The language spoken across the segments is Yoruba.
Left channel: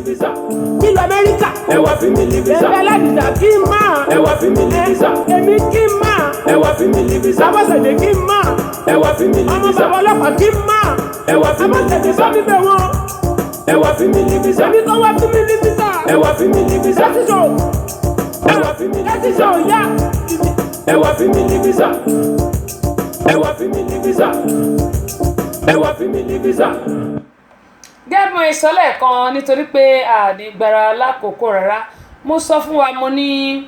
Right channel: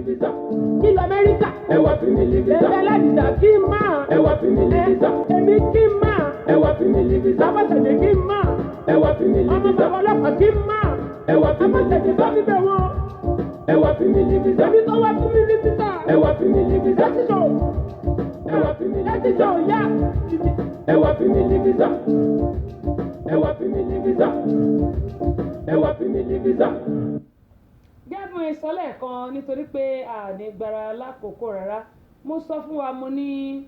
visa. nílùú Amẹ́ríkà. Ẹ wá fi mí ní visa. ẹgbẹ́ aládìsá kí n máa. Ẹ wá fi mí ní visa. èmi kí n máa. Ẹ wá fi mí ní visa. Abọ́sẹ̀dé kí n máa. Ẹ wá fi mí ní ọmọ visa. bàbá ọlọ́pàá kí n máa. Ẹ wá fi mí ní Abọ́sẹ̀dé visa. sọ níbẹ̀ wọn. Ẹ wá fi mí ní visa. èmi kan wá fún mi ní visa. Ẹ wá fi mí ní visa. láti sọ. Ẹ wá fi mí ní láti visa. sọ yá. Ẹ wá fi mí ní visa. Ẹ wá fi mí ní visa. Ẹ wá fi mí ní visa. gẹ́gbọ́n ìsọ́lẹ̀ kan nítorí pé ànígbára lákòókò rárá mo sọ fún wa mo ní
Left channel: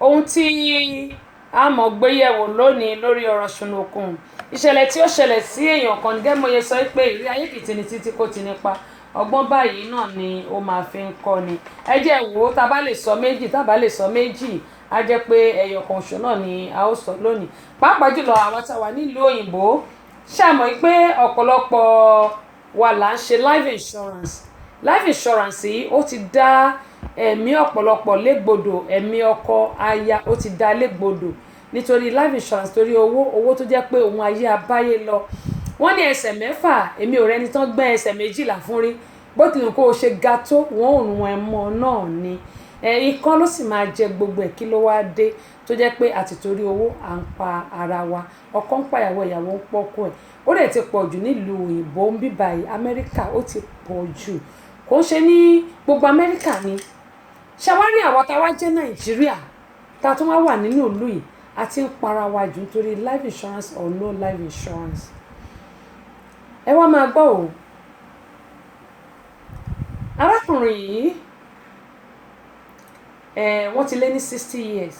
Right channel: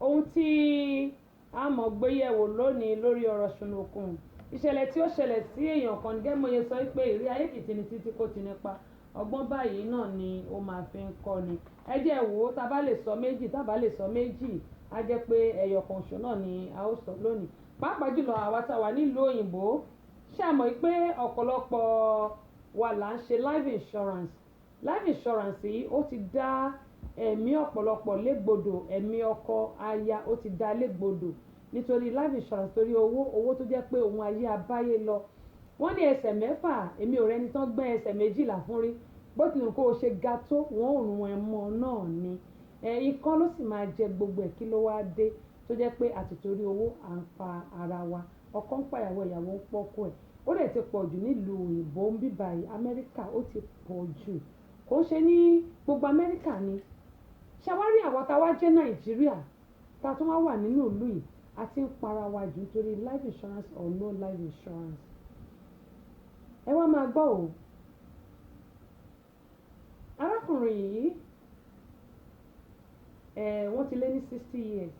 ohun tí a mọ̀ gbéyẹ̀wò lónìí lórí ọ̀rọ̀ ṣùnùkùn ìṣẹ̀lẹ̀ tí ó ṣẹlẹ̀ sí èèyàn kan gẹ́gbọ́n yẹn sọ pé ìrírí ayé kìtì ní títí kò ti nípa ọgbọ́n báyìí náà ni ó máa fi ń kọ́ ni ẹ jẹ́ wò ó tá a bá lè sọ méjì tá a bá lè sọ méjì á jẹ́ pé ẹyọ kan ṣo náà ni a ó sọ lónìí pàápàá jùlọ àwọn tá a wà nílùú òyìnbó ṣàmọ̀ pé ọ̀pọ̀lọpọ̀ wa là ń ṣe life insurance yìí ó ti dá ẹ̀mí ọ̀pọ̀lọpọ̀ légbodò ẹ̀mí ọkọ aya ó ti dá légbodò nítorí life insurance torí owó tó jẹ́ pé òun ayé abáyé lọ wọ́n ní ẹsẹ̀ mẹ́fà èmi ò rẹni tán gbẹ́ ẹsẹ̀ méjìlá fún rí bó tilẹ̀ kó o ṣe ga tó wọ́n ò rún ẹ mọ́ náà ni ikán ló sì máa jẹ gbogbo ẹ̀ kí ló wá dé tó jẹ́ pé àti torí owó à ń pa ara wa ọkọ ń pàyàwó ìyàwó ń pọ́kọ ẹ̀ ó dẹ̀ ti pọ̀ jù nílùú òyìnbó ń bí báyìí Amẹ́ríkà ó ti pọ̀ jù kò ń ṣe ní gbogbo Amẹ́ríkà ni ṣàwárí àwa tá a wá jẹ́ Nàìjíríà tá a tún wá wà nínú ìlú yìí a ti ń para wa jù nítorí life insurance or no life insurance ẹ wá máa gbọ́ o arákùnrin yìí wọ́n ti lé ní 60 years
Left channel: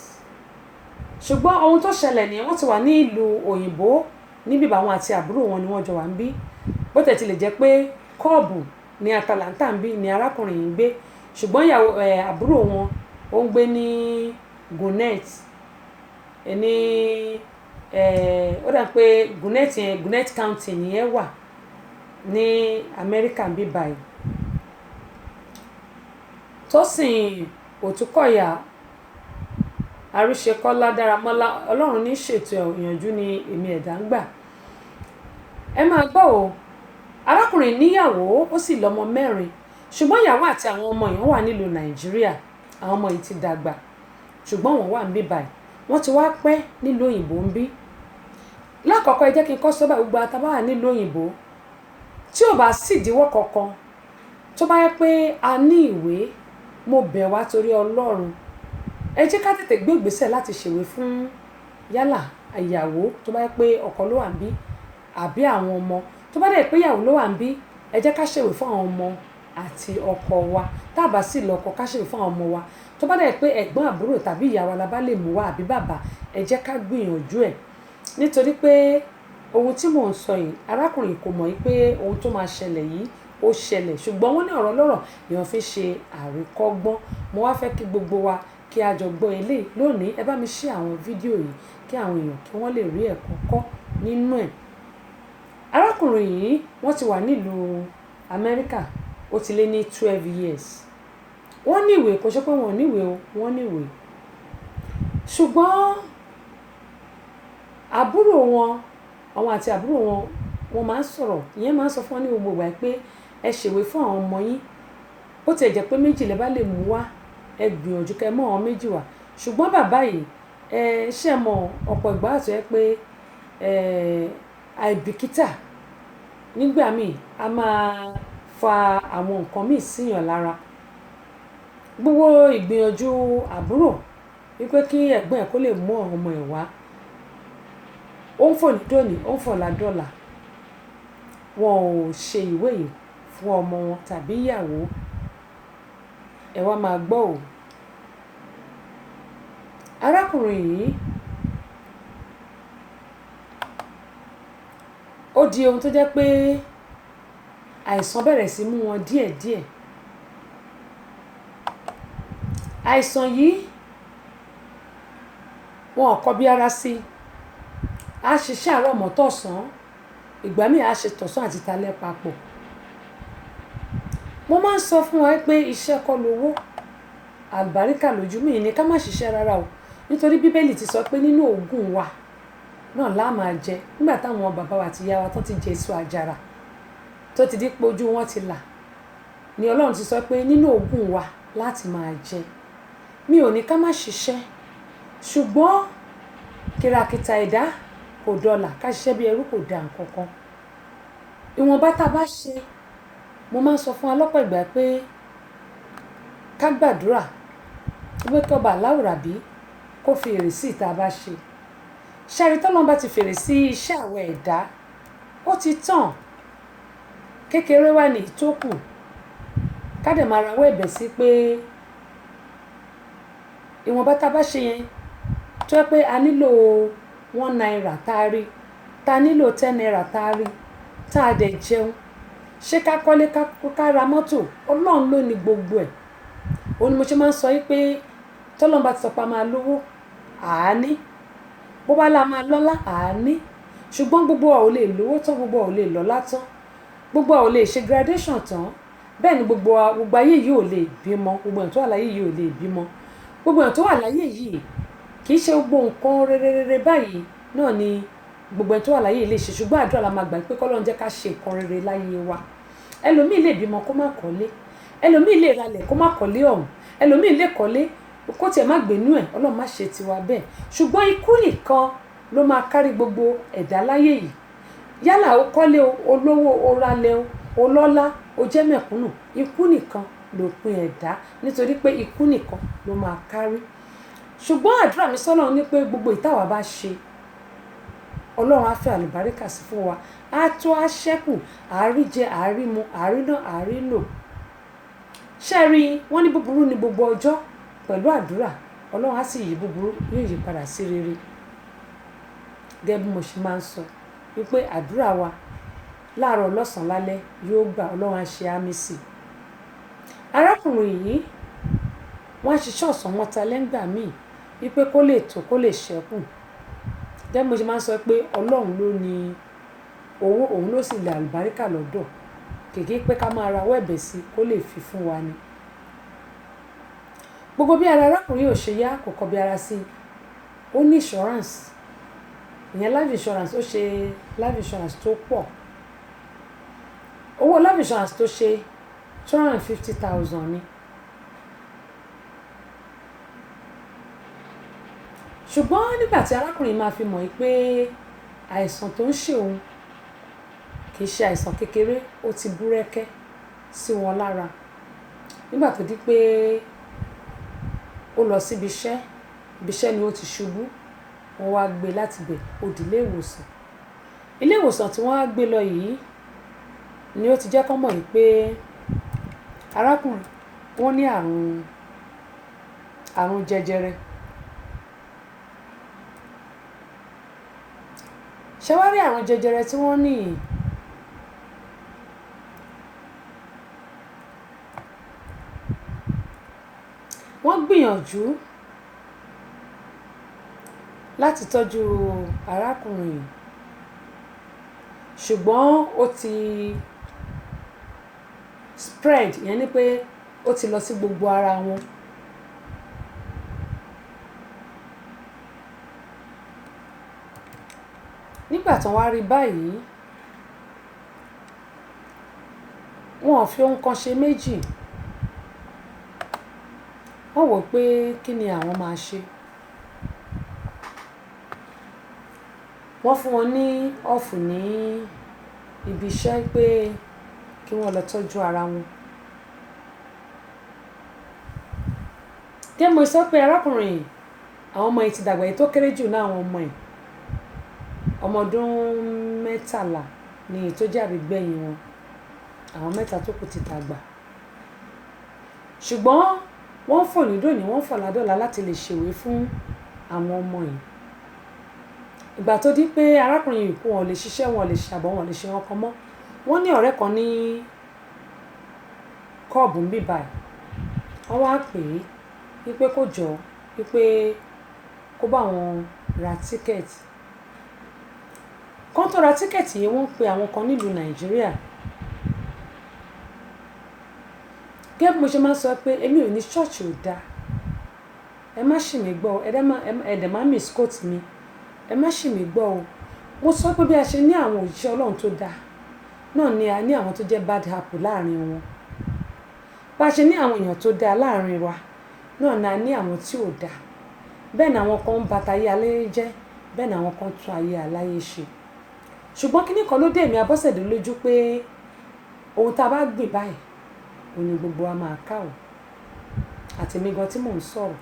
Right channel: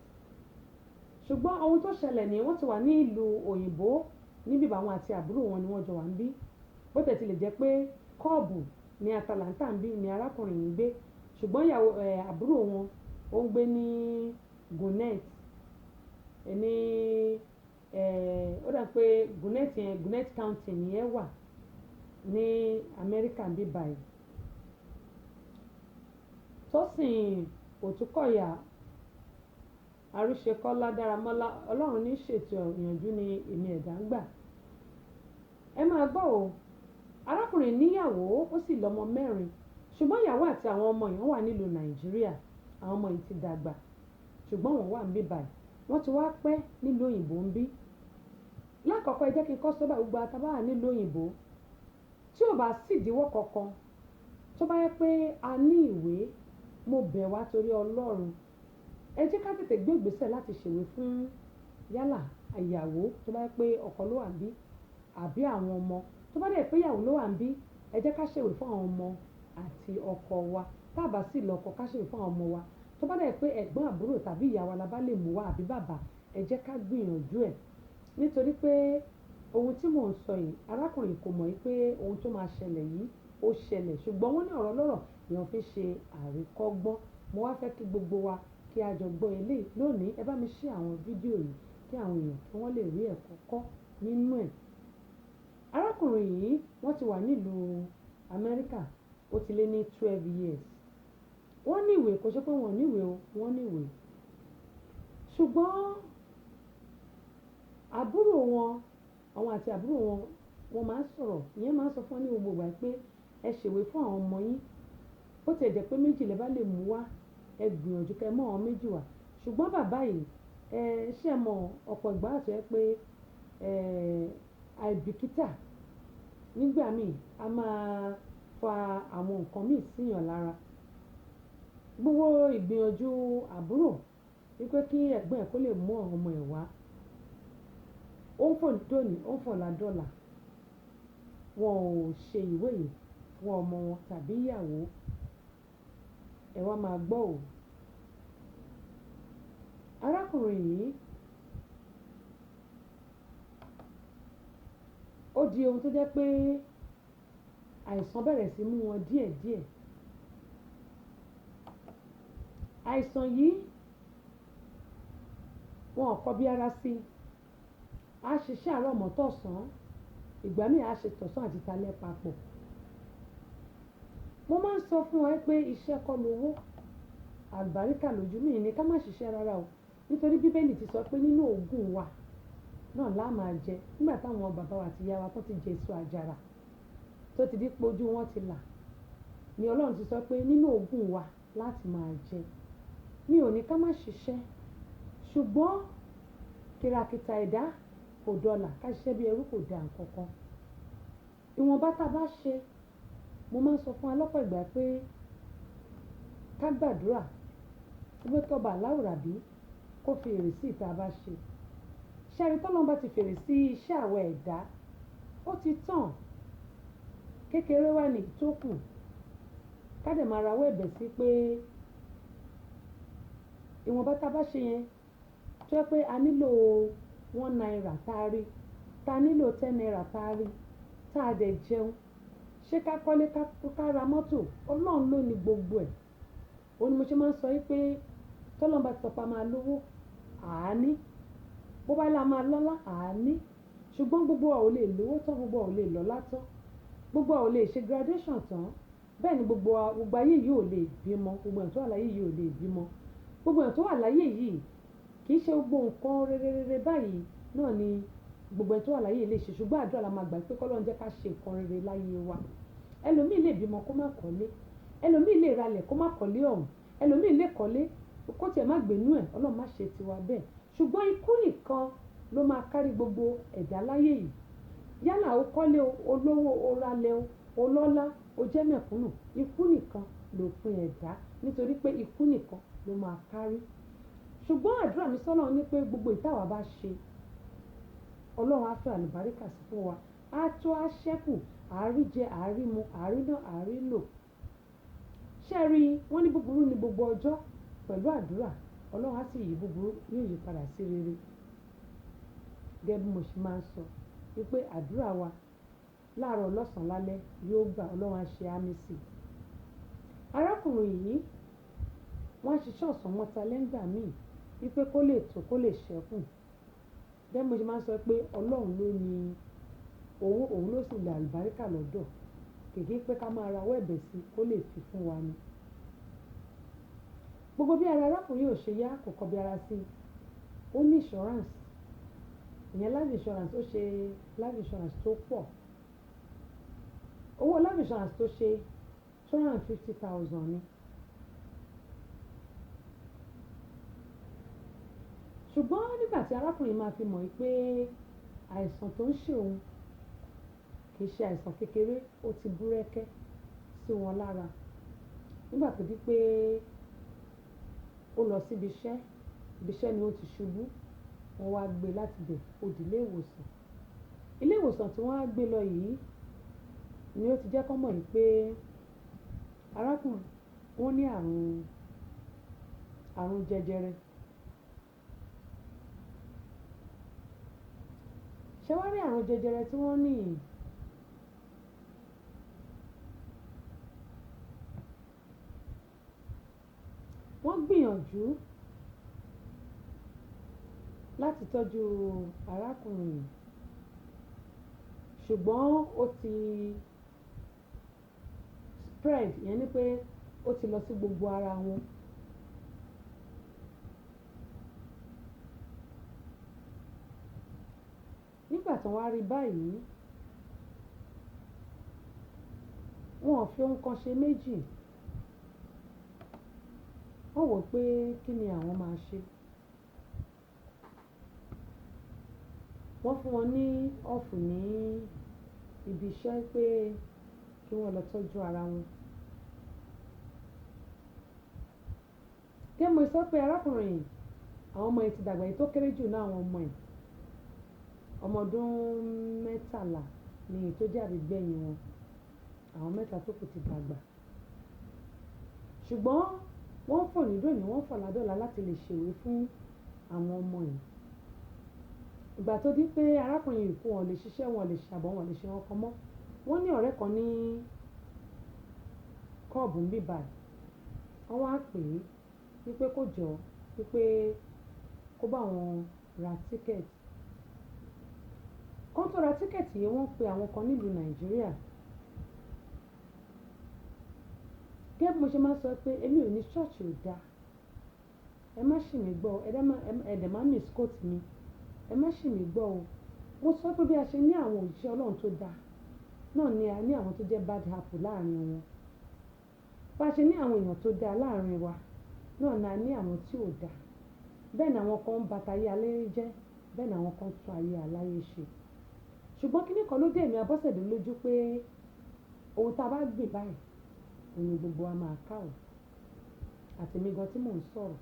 ṣùgbọ́n ohun tó ṣẹlẹ̀ ni wọ́n ti wà ní ìlú òyìnbó níbi àwọn àti àbúrò wọn ni wọ́n jọ wà ń bí bó tẹ̀ ti lè jẹ́ pé kọ́ọ̀bù ní Atlanta ń bí ni arákùnrin yìí ń gbé ṣùgbọ́n ìyàwó àbúrò wọn ó ń gbé ní Gwinnett ní ó dà pé Gwinnett County nìyẹn wà ní Amẹ́ríkà ń bí báyìí Tósìn Òtúkọ̀yà Àríṣekọ́lá Dáramọ́lá Ọlọ́run ní ṣètò ìyànjú ni èmi ẹ̀dá ń gbà ẹ máa gbọ́ o arákùnrin níyàwó ó sì lọ́mọ 4 ṣùgbọ́n ìyàwó àti àwọn ọmọ yẹn wà nílùú Nàìjíríà àwọn ọmọ yìí ti dàgbà ṣùgbọ́n wọ́n wà ń bí báyìí wọ́n ti wá pẹ́ nílùú òyìnbó ń bí lákọ̀ọ́kọ́ ẹ jẹ́ kí n kọ́ sọ́bà gbogbo àtàbáwà nílùú òyìnbó tí ò bá sì díwọ́ kankan tó bá yẹ pé a ní ìwé mo bẹ̀ wá torí Ọlọ́run ẹ jẹ́ ká tètè gbé ìgbésẹ̀ láti ṣèwé fún yálà ìyàwó tó bá yẹ pé ọkọ ló wà ń bí àbí àwọn ọmọ tó bá dẹ̀ pé ìyàwó ló wà ń bí ẹ jẹ́ ká ṣèwé fún àwọn ọmọ àti ọkọ wa tá a bá sì lọ́kọ ká ṣèwé fún àwọn ọmọ wa tó bá dẹ̀ pé ẹ̀gbọ́n àbúrò tàbí ìyá wa la bá lè mú wa àbí bàbá ẹ jẹ́ ká gbìyànjú ẹ̀ nítorí pé ohun tí mò ń sọ yìí arákùnrin kò mọ̀ pé ohun tó máa ṣẹlẹ̀ yìí ó ṣẹlẹ̀ ṣùgbọ́n wọ́n ní ọ̀rọ̀ lọ́rọ̀ èèyàn fi ṣe àríkọ́gbọ́n mo wá fẹ́ kí gbogbo wa kí a jọ gbọ́ eléyìí lónìí ẹ bá mi ṣe àwọn fídíò yìí kí àwọn èèyàn kí wọ́n lè rí ẹ̀kọ́ kọ́ nínú ẹ̀ arákùnrin yìí wọ́n ti wà nílùú Amẹ́ríkà ó ti lé ní 12 years wọ́n níwèé kò ṣe pé wọ́n níwèé o wọ́n níwèé ṣùgbọ́n àbúrò wọn àwọn àti àbúrò wọn wọ́n máa ń sọ̀rọ̀ ìyẹn máa ń sọ fún wọn ní gbogbo ìgbà pé ẹ ṣèwé fún àwọn ọmọ yín bó tiẹ̀ jẹ́ pé 2 lẹ bá lè mú wá ẹ gbìyànjú kẹ́ mọ́ àwọn 2 wá ṣùgbọ́n bàbá yìí ṣe mọ̀ ọ̀pọ̀ ìgbà àti ẹ pé àìbìkítà nígbà míì a máa fa àwọn nǹkan míì síyàn lára gbogbo ìgbìyànjú àbúrò wípé kí ẹ̀gbọ́n ẹ̀ kó lè mú àwọn ọmọ ẹ̀ wá ó ń fò ní dòní ó ń fò ládọ́là wọn ò ṣe ìwé yìí fún ọmọ wọn tàbí ìyàwó ẹ wá máa gbọ́ ò arákùnrin yìí ó di ohun tó jẹ́ pé àìsàn bẹ̀rẹ̀ sí mú wọn díẹ̀díẹ̀ àìsàn yìí wọn ò kọbi ara sí a ṣiṣẹ́ àárọ̀ mọ́ tọ̀sán ìgbà míì a ṣe tọ̀sán àti talẹ́ papọ̀ mo máa ń sọ fún wa pé iṣẹ́ kọ́ lówó àlùbáríkà lójú mi ní ká má ṣiṣẹ́ rárá o nítorí bíbélì ti sọ pé nínú òògùn wa náà la máa jẹ nígbà táwọn bàbá wa àti ìyá wa tán ti jẹ èso àjàrà tó ti di pé ojú wọn ti là ni Ọlọ́run ti sọ pé nínú ogún wa láti máa jẹ. Mi ò ní ká má ṣiṣẹ́, ṣùgbọ́n kìràkìtà ẹ̀dá kò dọlà, ká ṣiṣẹ́ bí ẹrú kò dà nǹkan kan. Ìwọ̀nba tá a bá ṣe, mo máa ń sọ fún wa lọ́pọ̀ ìgbà pé ká gbàdúrà pé kọ́ba aláwùrábí kó fi èrè sí ìta bá ṣe. Ṣẹ́rí tọ́lọ́run bá ti fèrè sí iṣẹ́ àwọn ẹ̀dá, ó ti tàn. Kékeré wà ní ìtókù, ká dẹ̀ máa rawọ́ ẹ̀bẹ̀ sí pé ìwọ̀nba tá a bá ṣe yẹn tó yẹ pé a nílò 1 naira tá a rí, tá a nílò 10 naira tá a rí, tá a dẹ̀ jẹun. Ṣé ká kọ́lé ká ra mọ́tò? Ọlọ́run ló ní gbogbo ẹ̀. Òun ni mo ṣe máa ń sọ pé tọ́lọ́run bá ti sọ pé a máa lówó, àání. Bó bá la máa lọ́lá, àání. Ṣùgbọ́n gbogbo wa ò lè lówó tán, gbogbo wa ò lè lọ́lá tán, gbogbo wa ò lè ṣe graduation tán. Bẹ́ẹ̀ ni gbogbo ayé yìí ò lè bímọ, gbogbo èèyàn tó wà láyé yìí ò lè bímọ. Gbogbo èèyàn tó wà láyé yìí kì í ṣe gbogbo nǹkan rere báyìí náà ni gbogbo èèyàn tó wà láyé yìí lè ṣe. Ṣùgbọ́n àdúrà la máa gbà pé k'Ọlọ́run jẹ́ ká ṣe nǹkan rere láyé wa. Ẹlòmíì lè bímọ kó má kọ́lé, ẹlòmíì lè ralẹ̀ kó má kọ́lé ọ̀hún, ẹlòmíì lè kọ́lé kó tiẹ̀ má gbénú ẹ̀. Ọlọ́run má ṣe tiwa bẹ́ẹ̀. Ṣùgbọ́n ikú nìkan ló máa kárí gbogbo ẹ̀dá láyé yìí. Yálà ó kọ́lé o, olówó, o ralẹ̀ o, olọ́lá, o jẹ́ mẹ̀kúnnù, ikú nìkan lópin ẹ̀dá, nítorí pé ikú nìkan ló máa kárí. Ṣùgbọ́n àdúrà mi s'Ọlọ́run ní pé gbogbo ìtawà bá ṣe, Ọlọ́run á fẹ́ àlùbáríkà sí fún wa, á tó á ṣẹ́kù, àárí jẹ, àárí mu, àárí ná, àárí lò. Ṣẹ́rí wọ́n ní búburú ní gbogbo ọjọ́, pẹ̀lú àdúrà Ọlọ́run á sì yí búburú, yóò yí padà sí rere. Gẹ́gẹ́ bí mo ṣe máa ń sọ wípé àdúrà wa láàárọ̀, lọ́sàn-án, lálẹ́ yóò gbà, Ọlọ́run á ṣe àmì sí. Arákùnrin yìí wọ́n á ṣiṣẹ́ ọ̀sán mọ́ta lẹ́ngbà míì wípé kó lè tó, kó lè ṣẹ́kù. Gẹ́gẹ́ bí mo ṣe máa ń sọ pé Ọlọ́run ló ní owó, òun ló sì lè àlùbáríkà lọ́dọ̀. Kìkì pé ká máa rawọ́ ẹ̀bẹ̀ sí kó lè fi fún wa ni. Gbogbo bí ara arákùnrin ò ṣe yá kò kọ bí ara sí. Ó ní insurance, ìyẹn life insurance. Ó ṣe life insurance tó pọ̀. Owó life insurance tó ṣe 250,000 ni. Ṣùgbọ́n nígbà tí arákùnrin máa fi mọ̀ pé àìsàn tó ń ṣe òun kì í ṣe àìsàn kékeré, ó ti búrẹ́kẹ́ sí wọn lára. Nígbà tó di pé ó lọ síbi iṣẹ́ ni ó ti ṣubú. Wọ́n wá gbé láti bẹ̀, ó di ilé ìwòsàn. Ilé ìwòsàn tí wọ́n á gbé lọ yìí ni ó ti jẹ́ kó mọ̀ pé arákùnrin wọ́n ní àrùn jẹjẹrẹ. Ṣé wá rí àrùn jẹjẹrẹ tí wọ́n ní yìí? Wọ́n gbìyànjú láti tọ́jú arákùnrin yìí, ṣùgbọ́n ó ti spread, ìyẹn ni pé ó ti lọ sí gbogbo ara wọn. Nígbà tí wọ́n wá rí báyìí, wọn ò fi ohun kan ṣe méjì. Wọ́n wò pé kí ni àwọn máa ṣe. Wọ́n fún wọn ní ọ̀fù ní ibi iṣẹ́ pé kí wọ́n lọ tọ́jú ara wọn. Gẹ́gẹ́ mo sọ pé arákùnrin àwọn ọmọ yìí ti dàgbà, èyí tó kéré jù náà àwọn ọmọ yìí ọmọ ọdún 13 ni èyí tó jẹ́ àbígbẹ̀yìn wọn. Àwọn 3 tó kù ti dàgbà. Ṣùgbọ́n wọ́n fò ní dòní, wọ́n fò ládọ́là láti lè ṣèwé fún àwọn ọmọ yìí. Ìgbà tó di pé arákùnrin yìí kú, wọn ò lè ṣiṣẹ́, wọn ò lè ṣàbọ̀, wọn ò lè ṣe wọn kan mọ́. Wọ́n ní ọ̀rẹ́ kan ní kọ́ọ̀bù ń bì báyìí. Wọ́n wá pè é wípé kó jọ, wípé kó bá wọn ra tíkẹ̀tì. Kán tó ra tíkẹ̀tì yìí, wọ́n pe àwọn kan nílùú Nàìjíríà. Gẹ́gẹ́ bí mo ṣe máa ń sọ pé èmi ò ní ṣọ́ọ̀ṣì ò dáa. Ẹ má ṣì mí gbọ́, ẹ̀dẹ̀ má misquote mi. Ẹ má ṣì mí gbọ́ o. Mo sọ pé bí a ṣe ní àwọn òjíṣẹ́ Ọlọ́run tó dáa, náà ni a ní àwọn tó jẹ́ bad apple láàrin wọn. Bá ṣe ní àwọn èèyàn tó dáa láàrin wa náà ni a ní àwọn tí ò dáa. Bẹ́ẹ̀ ni àwọn kan ń ba tayé aláyé jẹ́, bẹ́ẹ̀ ni àwọn kan tún ayé aláyé ṣe. Ṣùgbọ́n kíní kan ló dé èmi Abọ́sẹ̀dé lójú pé ohun tá a bá gbìn báyìí òun ni gbogbo wa máa ká o. Àti èmi gan tí mò ń sọ̀rọ̀,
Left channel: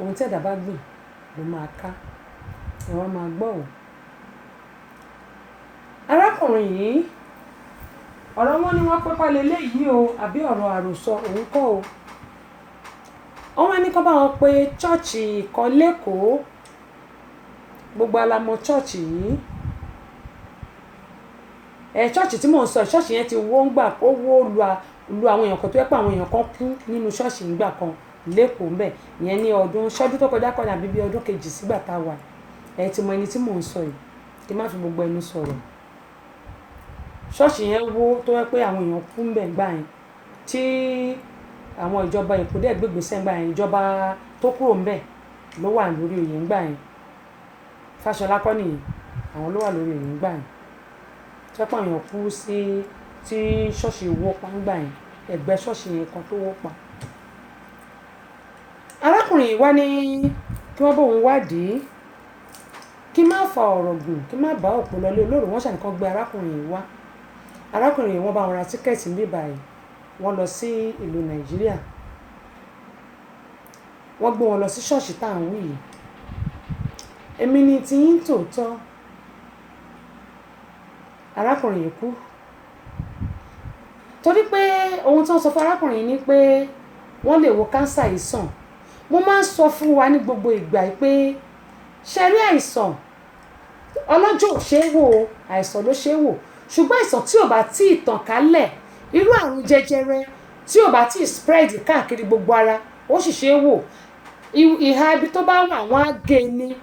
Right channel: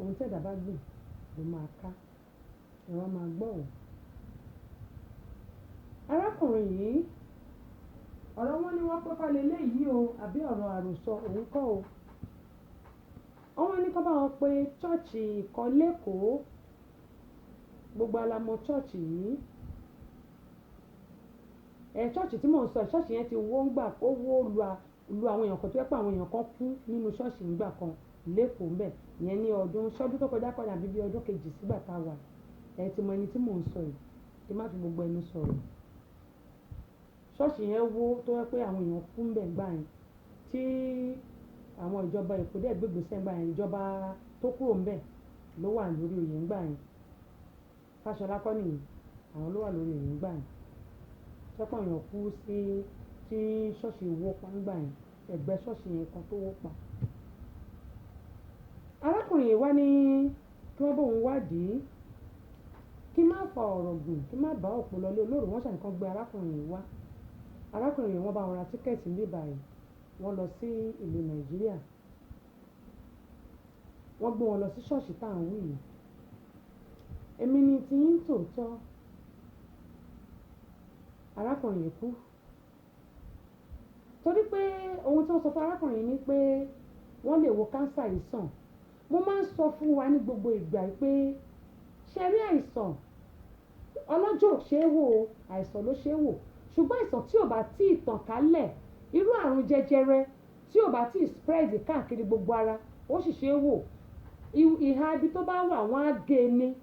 ohun tí ẹ̀dá bá gbìn ló máa ká. Ẹ wá máa gbọ́ o. Arákùnrin yìí, ọ̀rọ̀ wọn ni wọ́n pẹ́pẹ́ leléyìí o, àbí ọ̀rọ̀ àròsọ òun kọ́ o. Wọ́n wá ní kó bá wọn pé chọ́ọ̀chì kan lÉkòó, gbogbo alamọ chọ́ọ̀chì yìí. Chọ́ọ̀chì tí mò ń sọ, chọ́ọ̀chì yẹn ti wó ń gbà ó wó lu àwọn èèyàn kan tó yẹ pé àwọn èèyàn kan kú nínú chọ́ọ̀chì nígbà kan lÉkòó ńbẹ̀. Ìyẹn ní ṣọ́dún tó kọjá kọ́ni àbí bí ọdún kejì sígbà tá a wà. Ẹ ti mọ ẹni tí mò ń sọ yìí, kí n má fi gbogbo ẹnu sọ̀rọ̀. Ṣọ́ọ̀ṣì yẹn wó tó yẹ pé àwọn èèyàn kú ńbẹ̀ ńgbà yẹn, tí àwọn ìjọba Èkó dẹ̀ gbé ìgbésẹ̀ ńgbà yẹn, ìjọba tó kúrò ńbẹ̀ ló wà lórí oyè ńgbà yẹn. Fáṣọlá kọ́ nìyẹn, àwọn ló wà lórí oyè ńgbà yẹn. Tó yẹ pé àwọn èèyàn kú sí tí ṣọ́ọ̀ṣì wó pa ńgbà yẹn, ẹ̀gbẹ́ ṣọ́ọ̀ṣì yẹn kan tó wó pa. Arákùnrin yìí wá ní kí wọ́n bóun wádìí, kí má fa ọ̀rọ̀ gùn, kí má bá òpó lọlé olóró. Wọ́n ṣàní kan gbé arákùnrin yìí wá. Arákùnrin yìí wọ́n bá wọn ra tíkẹ́ẹ̀tì níbí báyìí, wọ́n lọ sí ìlú Nàìjíríà. Wọ́n gbé wọn lọ sí ṣọ́ọ̀ṣì tá à ń wí yìí. Èmi ni ti yín tòótọ́. Arákùnrin yìí kú. Torí pé ohun tí wọ́n sọ fún arákùnrin yìí ni pé wọ́n lè wo kánsà yìí sàn. Mo máa ń sọ fún wa ní gbogbo ìgbà yìí pé ṣe rí àìsàn ọlọ́jọ́ ò ṣe é wò o, àìsàn ló ṣe é wò. Ṣùgbọ́n àìsàn tí ò bá tí ì tàn kálẹ̀, irú àrùn jẹjẹrẹ tí ò bá tí ì spread káàkiri gbogbo ara, ó sì ṣe é wò. Ìhà ibi tó bá wà wọ́n á gé ni.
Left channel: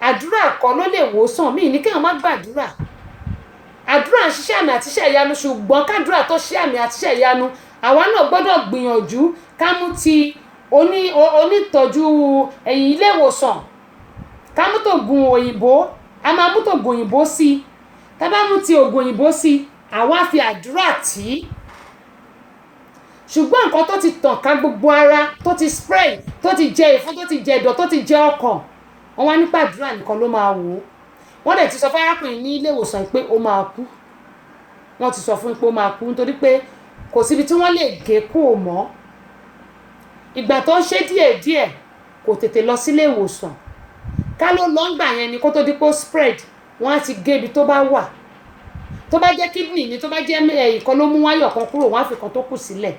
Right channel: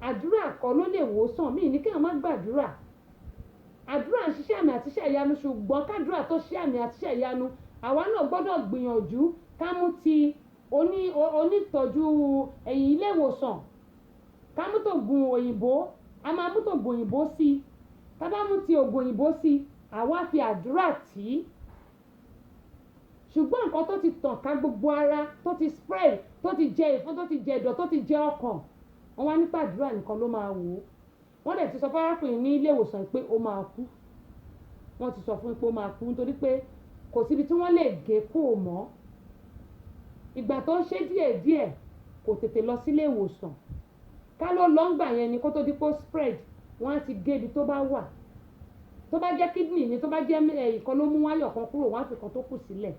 Àdúrà kọ́ ló lè wò sàn. Mí ní kéèyàn má gbàdúrà. Àdúrà ń ṣiṣẹ́ àmì àti iṣẹ́ ìyanu, ṣùgbọ́n kádúrà tó ṣe àmì àti iṣẹ́ ìyanu, àwa náà gbọ́dọ̀ gbìyànjú ká mú ti onítọ́jú ẹ̀yìn ilé ìwòsàn, ká mú tògùn òyìnbó, a máa mú tògùn òyìnbó sí i. Tá bá mú ti ògùn òyìnbó sí i, àwa fi àdúrà tì í. Ṣùgbọ́n nǹkan tó ti tàn ká gbogbo ara, tó ti spread, tó ti jẹ ìfun, tó ti jẹ ẹ̀dọ̀, tó ti jẹ ọkàn, wọ́n wá nípa àdúrà nìkan ló máa wò ó. Wọ́n dẹ̀ ti sọ fún arákùnrin ní ilé ìwòsàn pé ó máa kú. Wọ́n ti sọ fún pé ó máa kú nítorí pé kò síbi tí wọ́n lè gé kúrò mọ́. Ìgbà tó ń ṣe díẹ̀díẹ̀ kò tètè lọ sílé ìwòsàn. Ká ló lọ ńgbà yẹn ni kó tó di pé ó spread, wọ́n á ti gé ibi tó bá wà. Tó bá jẹ́ kidney ni, tó bá jẹ́ ìkan ló mú wáyọ̀ kan kúrò, wọ́n á fi kan tó kù sílẹ̀.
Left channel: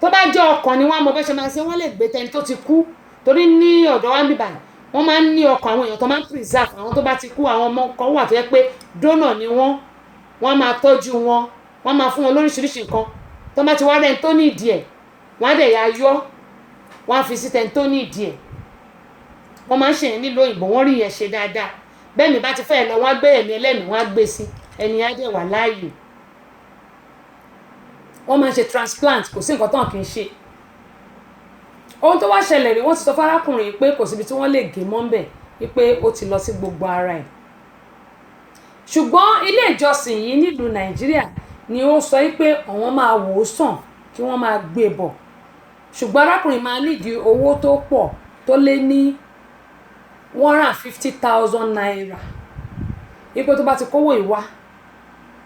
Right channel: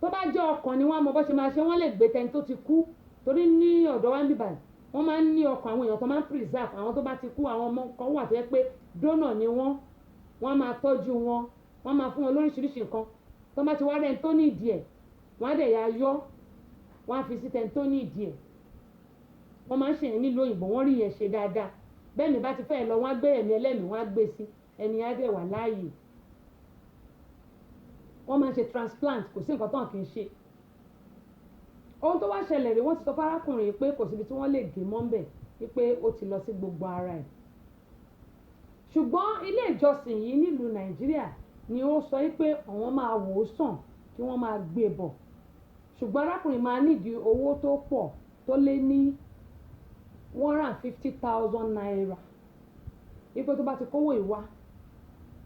Tó bá jẹ́ ọkàn ni wọ́n á mọ bó ṣe máa ṣe, wọ́n lè gbé tẹni tó ti kú. Torí ní ọ̀dọ̀ wa níbí báyìí, wọ́n máa ń ní ọkàn àwọn èèyàn tó máa ń preserve. Àwọn tó bá ti kú, àwọn ọmọ kan wà tó yẹ pé donor ni wọ́n máa tọ́jú wọn, wọ́n máa fún wọn lóríṣiríṣi nǹkan. Tó bá ti wá rẹ́ni tó ní ìdí ẹ̀, wọ́n á dẹ̀ ya yọ́, wọ́n á fi sí tẹni tó ní ìdí ẹ̀. Wọ́n máa ń ṣe yẹn nílùú òyìnbó, wọ́n rí yẹn ṣe dáadáa. Bẹ́ẹ̀ ni bá ti fẹ́ lọ, wọ́n á gbé ẹ̀mí ẹlẹ́mìí, wọ́n á gbé sí ẹni á dẹ̀ wà láàyè. Wọ́n máa ń ṣe transplant, kò sí nǹkan tán kì í ṣe. Ohun tó wá ṣẹlẹ̀ rí, wọ́n ti sọ fún arákùnrin pé kò síbi tí wọ́n lè gé mọ́ ńbẹ̀, wípé ó ti lọ sí gbogbo ara ẹ̀. Ṣùgbọ́n ilé ìjọsìn yìí nílùú Nàìjíríà ni ó sọ wípé àwọn máa wò ó sàn, kí wọ́n máa gbé bọ̀. Ṣùgbọ́n arákùnrin máa nídìí owó tó pọ̀, tó lé ní 150,000 naira. Wípé tó bá ti kówó ìwá,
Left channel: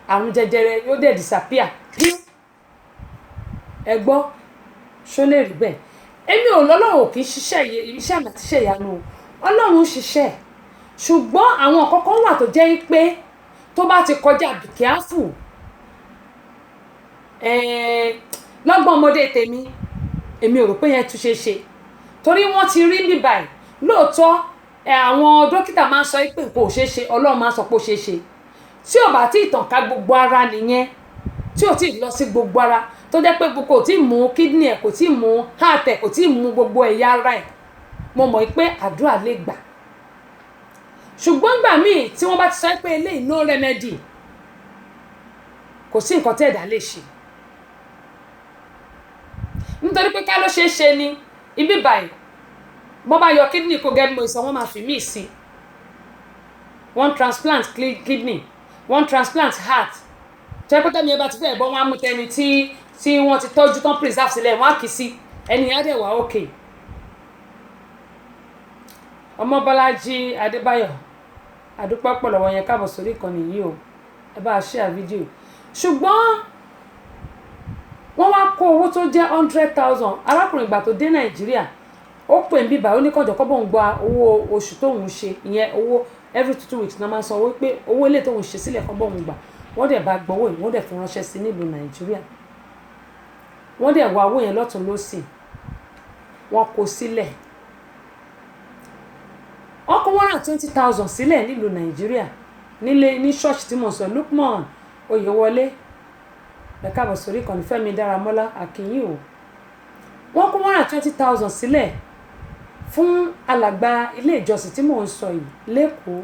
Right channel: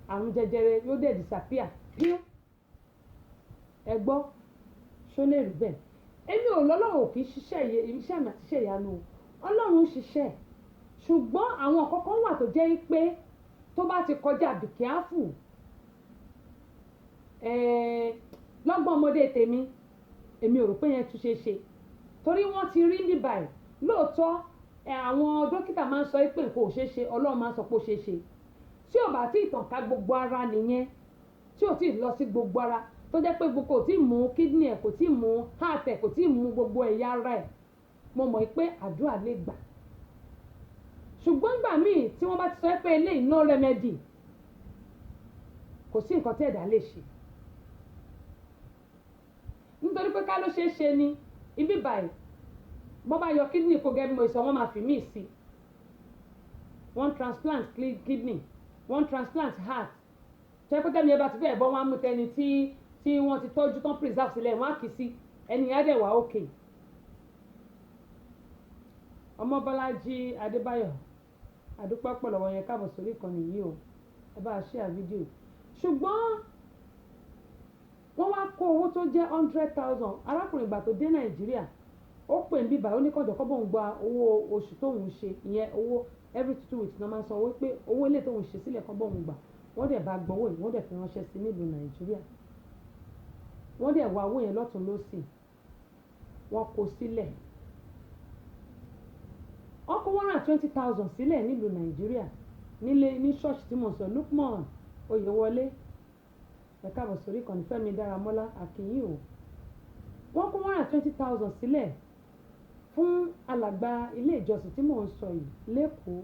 àrùn jẹjẹrẹ yóò dẹ̀ disappear. Ẹ gbọ́, ṣó lè rí bẹ́ẹ̀? Èmi ò lọ́lọ́run kì í ṣiṣẹ́ iṣẹ́ àmì àti iṣẹ́ ìyanu. Ọlọ́run ṣiṣẹ́. Ṣùgbọ́n àwọn kọ̀ọ̀kan wà tó jẹ́ pé tó bá ti kọjá be careful. Lọ́gbọ́n ọmọdé tèmi, èmi ò rò pé yẹn tún ṣe ṣe. Torí wọ́n ti rí bí báyìí. Lóòótọ́, àwọn dókítà máa ń sọ pé nǹkan ò ṣe ṣe, Ọlọ́run máa ń sọ pé ó ṣe ṣe. Tí ò bá tí ì tàn ká gbogbo ara nìyẹn, tí ò tí ì lọ sí gbogbo ara, tó jẹ́ pé kò tí ì mú kidney ẹ̀, kò tí ì mú heart ẹ̀, kò tí ì mú gbogbo ẹ̀yà ara ẹ̀, mo mọ̀ pé àdúrà lè gbà. Ṣùgbọ́n ìgbà míì tí wọ́n bá ti sọ pé eléyìí no remedy, kò sí nǹkan tí ẹ̀dá lè ṣe. Nítorí pé ká ló ṣe é ṣe ni ibi báyìí, bọ́ bá yọ kidney kó gẹ́gẹ́ bí mo sọ, wọ́n máa fi míì sí. Wọ́n transplant kidney. wọ́n transplant heart tẹ́pẹ́tẹ́ mi ẹ bá ti fẹ́ bọ́ wọn á mú tẹni tí wọ́n ti tọ́jú tán preserve sílẹ̀ wọ́n á kì í sí ẹni yẹn dẹ̀ wá okay. Ọmọbọ́lájí Adébáyọ̀ àdúpẹ́ pọ̀ lọ́wọ́ yẹn káàbọ̀ sórí ìkànnì yìí o ẹ bá a share fídíò ṣùgbọ́n wọ́n wá kó owó tó jẹ́ 100,000 arákùnrin ìgbà tó dé Nàìjíríà ó pè ń bíbá ó ní kọjọ kọ́bọ̀ ń gba owó oṣù tóun ṣe ìyẹn owó every 2 weeks náà máa san owó pé owó ilé tóun ṣe sílẹ̀ kọ́bọ̀ ń gbà wọ́n dẹ̀ bá gbowó yìí wọ́n dẹ̀ fi ránṣẹ́ sí nílùú Nàìjíríà wọ́n dẹ̀ wá owó yẹn lọ́tún lọ́sì wọ́n kó sílẹ̀ wọ́n kó 120,000 sílẹ̀ nílùú Nàìjíríà nílé ní ṣọ́ọ̀ṣì tí mo sọ Lukman Oyèwọlé ẹ káàbọ̀ sórí ìkànnì Fẹ́mi Dáramọ́lá akínyìn o wọ́n kó 120,000 sílẹ̀ fún alàgbà ilé ìjọsìn tí mò ń sọ yìí lẹ́kọ̀ọ́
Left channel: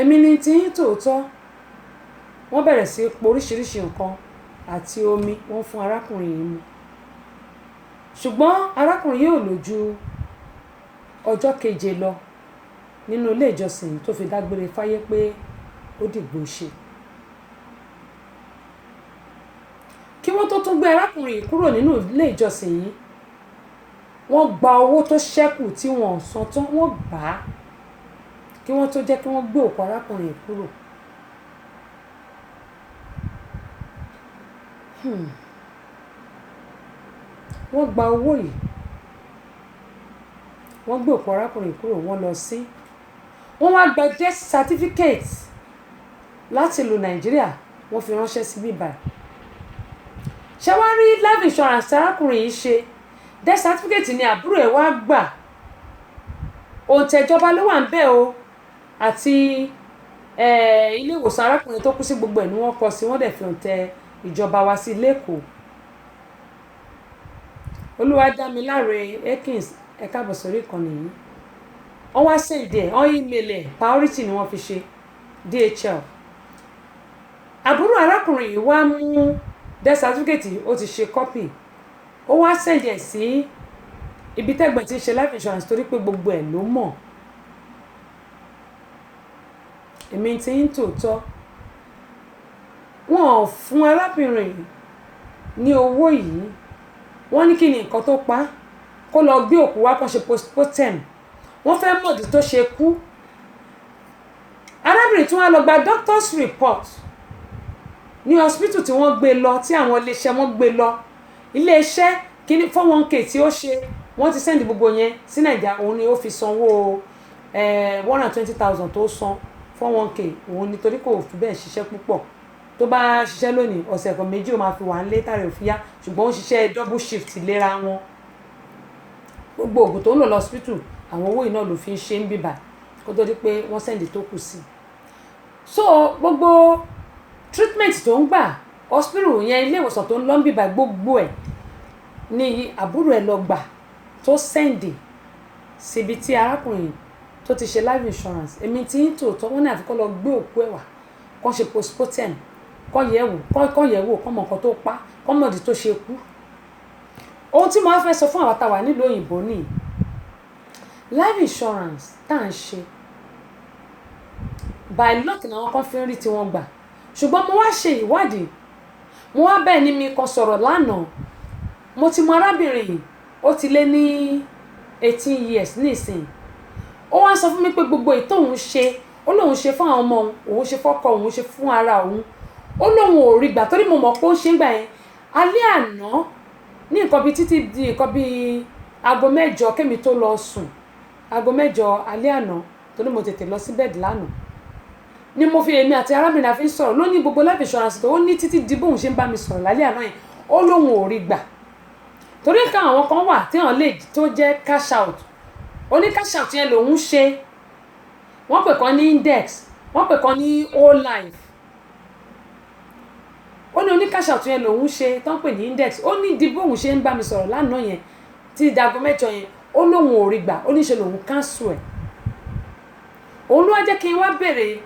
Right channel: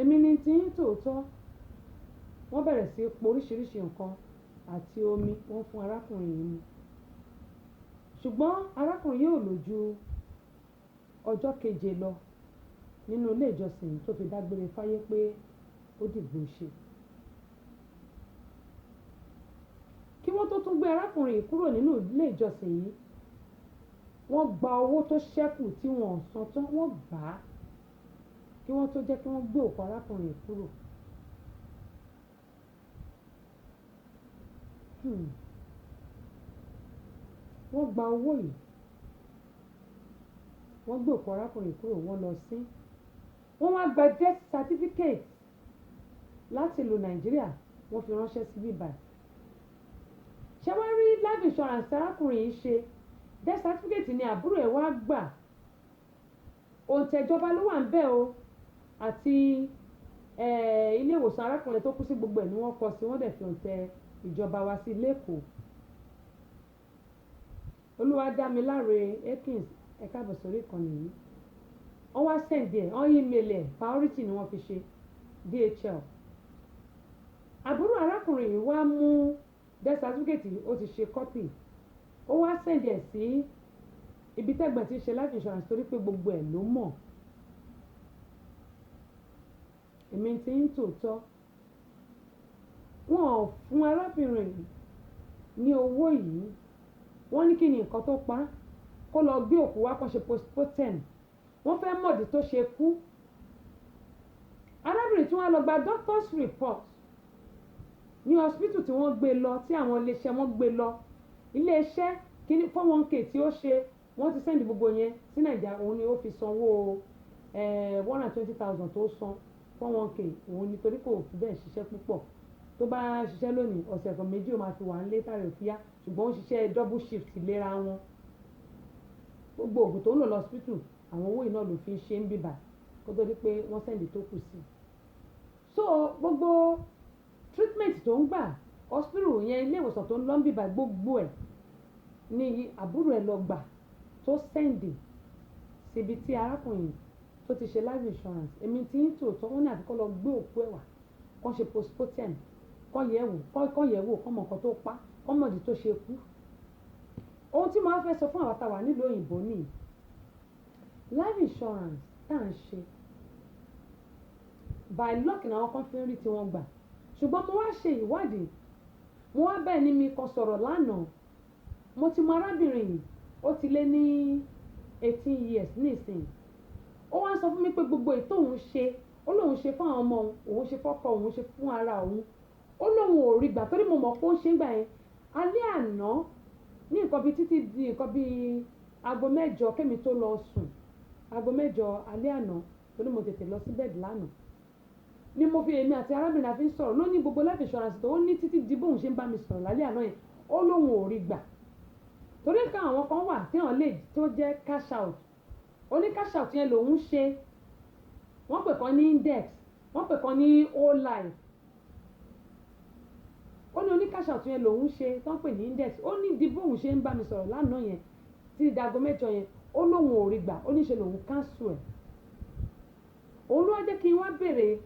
èmi ni tí ń tòótọ́ wọ́n bẹ̀rẹ̀ sí po oríṣiríṣi nǹkan àti omi wọ́n fún arákùnrin yìí mu ṣùgbọ́n arákùnrin yìí ò lò ju ọjọ́ keje lọ nínú ilé ìjọsìn yìí tó fi dágbére fáyé pé ó dìgbò ṣe kí wọ́n tó tún gbé arákùnrin yìí kúrò nínú ilé ìjọsìn yìí wọ́n gba owó tó ṣẹ́kù tí wọ́n san tán wọ́n gbà á kí wọ́n tó jẹ́ kí wọ́n gbé òkú arákùnrin yìí kúrò. Wọ́n gba owó yìí wọ́n gbé òkú arákùnrin yìí kúrò wọ́n lọ sí wọ́n wá gba death certificate láti ìlú Nàìjíríà wọ́n fi ránṣẹ́ sí bíbá ṣé wá rí life insurance arákùnrin yìí ṣe death certificate ni àbúrò ẹ̀ wá gbà òǹtẹ̀jọba ló wà ń bẹ̀ o àti ilé ìwòsàn arákùnrin tó kú sí gbogbo ẹ̀ ni wọ́n kọ sí wọ́n dẹ̀ fi òǹtẹ̀ ìjọba wá sí lẹ́kọ̀ọ́ Olúwadámiláre Ekins ẹ káàbọ̀ sórí ìkànnì yìí wọ́n wá sẹ́ǹdẹ̀ wọ́n email ẹ̀ priority ni wọ́n fi ṣe DHL àbúrò arákùnrin yìí wá mú death certificate ó ti ṣe copy ó wá sẹ́ǹdẹ̀ sí ibi tẹ́gbọ̀n ti ṣe life insurance torí pé gbogbo ẹ̀ ló mọ̀ èmi ti ń tòótọ́ wọn ò fún arábìnrin ní owó yìí wọ́n ní kí ni nǹkan tó pa kó lọ gbé òkú wá kàn ṣe postmortem wọ́n fẹ́ mọ̀dí tó ṣe kú arábìnrin tí wọ́n lọ gba doctor's report ní hospital tí wọ́n gbé lọ tí àwọn iléeṣẹ́ wọn gbé lọ iléeṣẹ́ kíní 401k tí ó ṣe wọ́n ti sẹ́ndì gbogbo yẹn sí Nàìjíríà òun ni ó fi sanwó 120,000 tó san 401k òun nítorí kò fi bẹ́ẹ̀ ṣiṣẹ́ púpọ̀ tó bá ṣiṣẹ́ lónìí ọ̀sẹ̀ kan méjì ó máa fi wà ń lé tààrẹ̀ òfin yá ṣùgbọ́n ó ṣiṣẹ́ double shift léra wọn gbogbo oògùn tó ń lò lọ hospital àwọn owó iná ló fi ń ṣe ń bíbà kó tó di pé wọ́n sẹ́ndì tó kù sí so gbogbo treatment tó ń gbà hospital yẹn ilé ìwòsàn tó ń lọ ń bíbà gbogbo ẹ̀ ní àbúrò ẹ̀ lọ gbà tó sẹ́ndì síbi tí arákùnrin tó ti ṣe life insurance èmi tí ń tòótọ́ wọ́n ní àfikún lọ gbé òkú ẹ̀ wá kọ́ ṣe postmortem kọ́ yẹ̀wò kọ́ mọ̀ nǹkan tó pa kọ́ mọ̀dí tó ṣe kú ohun tí mo wá fẹ́ sọ fún àwọn àtàwà nílùú òyìnbó ní life insurance tá à ń ṣe by luck ni àwọn kan fi ń rí tí wọ́n gbà ṣùgbọ́n mo wá ṣe ìwádìí mo wá bẹ́ẹ̀ ni mi kan sọ̀rọ̀ lánàá mo ti mọ arábìnrin yìí ó ti lé ní 18 years nísìnyí ó wá sọ fún mi pé gbogbo ètò òun ṣe ó lóun ṣe fún àwọn ọmọ òun ṣe fọ́kọ òun ṣe fún ara òun ó lóun ò rí gbà torí mo mọ̀ pé ó ṣe ń gbà yẹn alẹ́ àná ní nǹkan bíi títí di nǹkan bíi aago 9 kémi tó lọ sùn aago 9 alẹ́ àná torí mo tètè lọ sí bẹ́ẹ̀dì lánàá ni mo fi èmi àti arábìnrin àfi ń sọ̀rọ̀ ló ní gbogbo life insurance tó ó ní títí di bóun ṣe ń bá mi sọ̀rọ̀ lálẹ́ àná yẹn ó lóun ò rí gbà torí nǹkan àwọn kan wà tí wọ́n lè tó jẹ́ cash out ó ní cash out yẹn lòun ṣe wọ́n pè kan ní index wọ́n pè kan ní whole life ó ní onícash out yẹn lòun ṣe tán pè ní index ó ní di bóun ṣe ń bá mi sọ̀rọ̀ lánàá yẹn tí dago 9 yẹn ó lóun ò rí gbà ó ní ṣe lòun cancel ẹ̀ òun ló wá jẹ́ kí n wá béèrè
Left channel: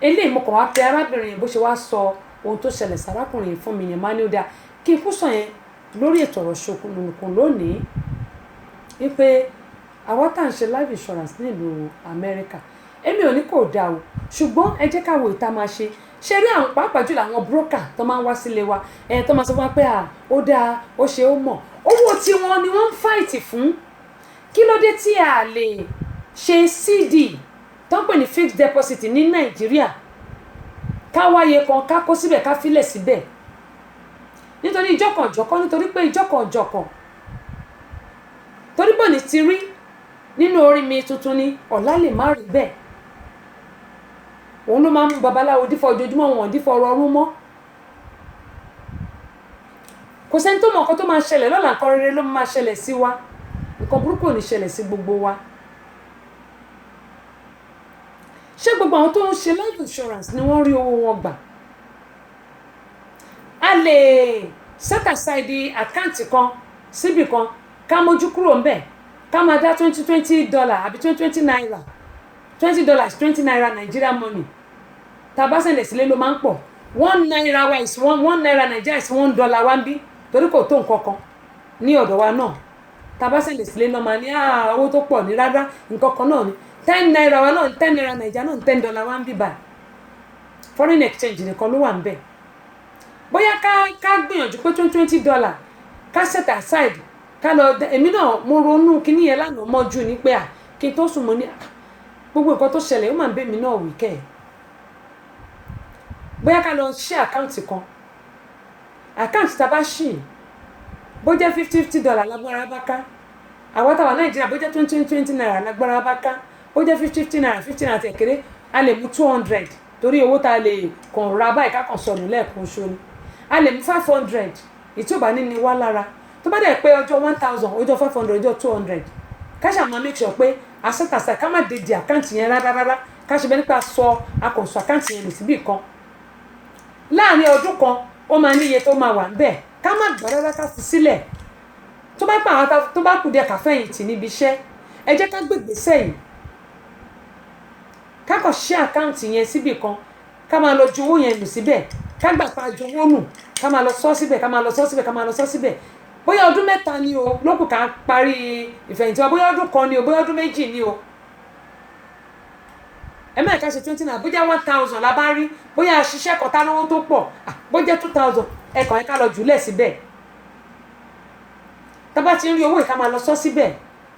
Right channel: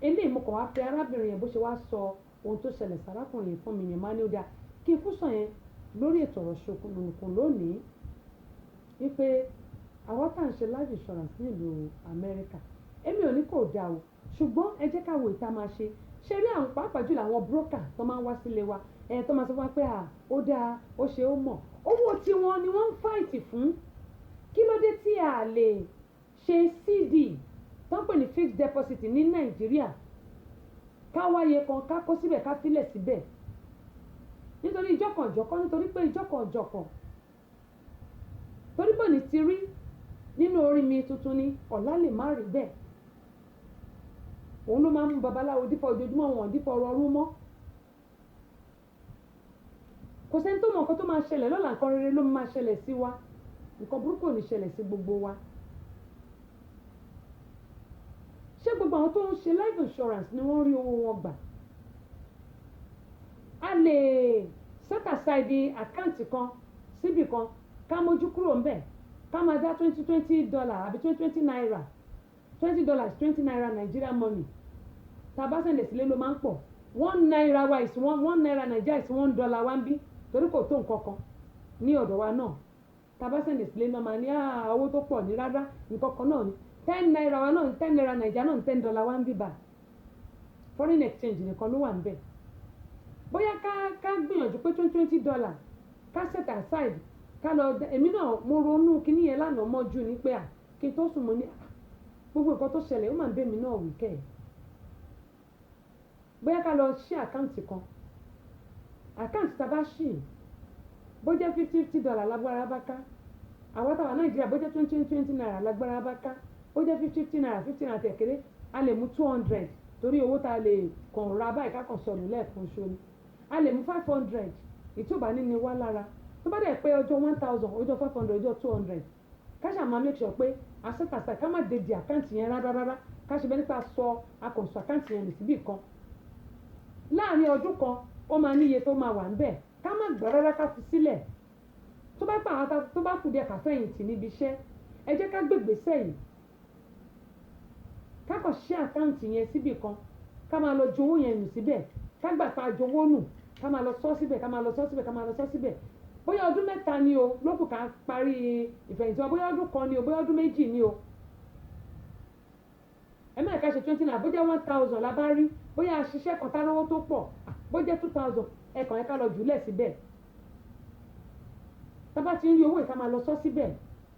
eléyìí mo kàn wá pe arábìnrin yẹn bó ṣe wá sọ ohun tó ṣẹlẹ̀ sárákùnrin yẹn fún mi yẹn máa ní ó dáa kí n kú sọ yẹn lórí ètò ọ̀rọ̀ ṣokùnlùkùn lónìí wípé àwọn tá à ń ṣe life insurance nílùú Amẹ́ríkà èmi ò ní kò dáa o ṣùgbọ́n ẹ jẹ́ ká wo ìta máa ṣe rí àwọn pàápàá jùlọ àwọn broker tó máa ń wá sílé wa tó máa sọ fún wa pé ó dáa ó ṣe ó mọ̀ owó tiwọn ni wọ́n ń fáìtì fún kí ló dé tí a lè ṣe CD tó ń pè ní fixed deposit ní Nàìjíríà ká wáyé kan ká kó síbẹ̀ ká filẹ̀ síbẹ̀ nítorí ìjọkànjọ̀kan nítorí pé ìjọkànjọ̀kan torí bọ̀ ní ti rí nínú orin mi tuntun ni ọ̀la lè má rí bẹ́ẹ̀ òun ló máa ń mú babaláwo dífọ̀ ojoojúmọ́ wọn dífọ̀ ọ̀rọ̀ ọ̀run mọ́ kò sẹ́ni tó mọ̀ nǹkan tó máa ṣẹlẹ̀ lọ́la nǹkan rere ló máa ṣẹlẹ̀ sí wa nǹkan burúkú ò ní ṣẹlẹ̀ sí gbogbo wa ṣé gbogbo àwọn tó ń ṣe life insurance ni wọ́n rí owó wọn gbà a lè set aside àkáǹtì kan síbì kan ká mójú kúrò ń bẹ̀ ká máa dá $20 àbí $20 naira $20 20 naira Nigeria money tá a bá sẹ̀lẹ̀ sílé ló máa ń pọ̀ $1 wa is $1 Nigeria is $1 wa ń bí torí kò tó nǹkan kan ní ọ̀dọ̀ wa náà tá a bá sẹ̀lẹ̀ sílé náà máa ní owó tó pọ̀ ní rárá nǹkan kan náà ni 10 naira wa náà 10 naira Nigeria náà $10 wa ń bí báyìí foreign exchange nìkan ló wà ń bẹ̀ bóyá ká gbìyànjú pé $20 ká set aside ká lọ èmi náà mo ronú kíní yẹn lánàá mọ́jú ní pé kí n tó sùn mo ní gbogbo nǹkan tó ṣẹlẹ̀ ó máa ń bẹ̀ mí náà wí kẹ́ ẹ̀ bóyá ká lọ ṣí àkáǹtì kan àkáǹtì tá a bá ṣì bó jẹ́ $50 lágbára bá ká àwọn táwa Nàìjíríà bó jẹ́ 20 naira lágbára bá ká ó jẹ́ 50 naira 50 naira tẹ̀kẹ́rẹ́ a lè mú 200 torí owó tá a lè kàn ra báyìí ká kàn sọnù lẹ́ẹ̀kan ṣo ni a lè mú 500 ìtí ò bá ní ni wá lára tó bá dẹ̀ pé ọjọ́ 1000 ọjọ́ 500 ọjọ́ 200 ká ṣáà máa make sure pé àṣetàṣà ká má dédé àkáǹtì yẹn rárá ká ṣe bẹ́ẹ̀ nípa akọ̀ǹsọ àkáǹtì yẹn lè síbì kan láàrin ọdún kan ó máa níye tó máa wà ń bẹ̀ ká má gbọ́ rárá ká fi sílẹ̀ tó bá pa àwọn tó bá kù díẹ̀ káfẹ́yìntì níbi iṣẹ́ ẹ jẹ́ ká gbègbèsẹ̀ yìí ká kàn ṣí àkáǹtì yẹn síbì kan ká máa lọ ju owó yẹn nù síbẹ̀ ká gbà pa ju owó nù ká máa lọ sọ síbẹ̀ ká máa lọ sọ síbẹ̀ ká máa lọ sọ síbẹ̀ bóyá ọdún 3 ni o lókù ká parí ìfẹ̀yìntì wa bóyá ọdún 1 ni o bóyá ọdún 2 ni o ẹ má ká ṣe 20 naira bóyá 1000 la bá rí bóyá ṣiṣẹ́ kan tá lówó tó pọ̀ bóyá 2000 ẹ̀kan ká lọ jùlẹ̀ síbẹ̀ tá bá ti ń rí owó ìka máa lọ sọ síbẹ̀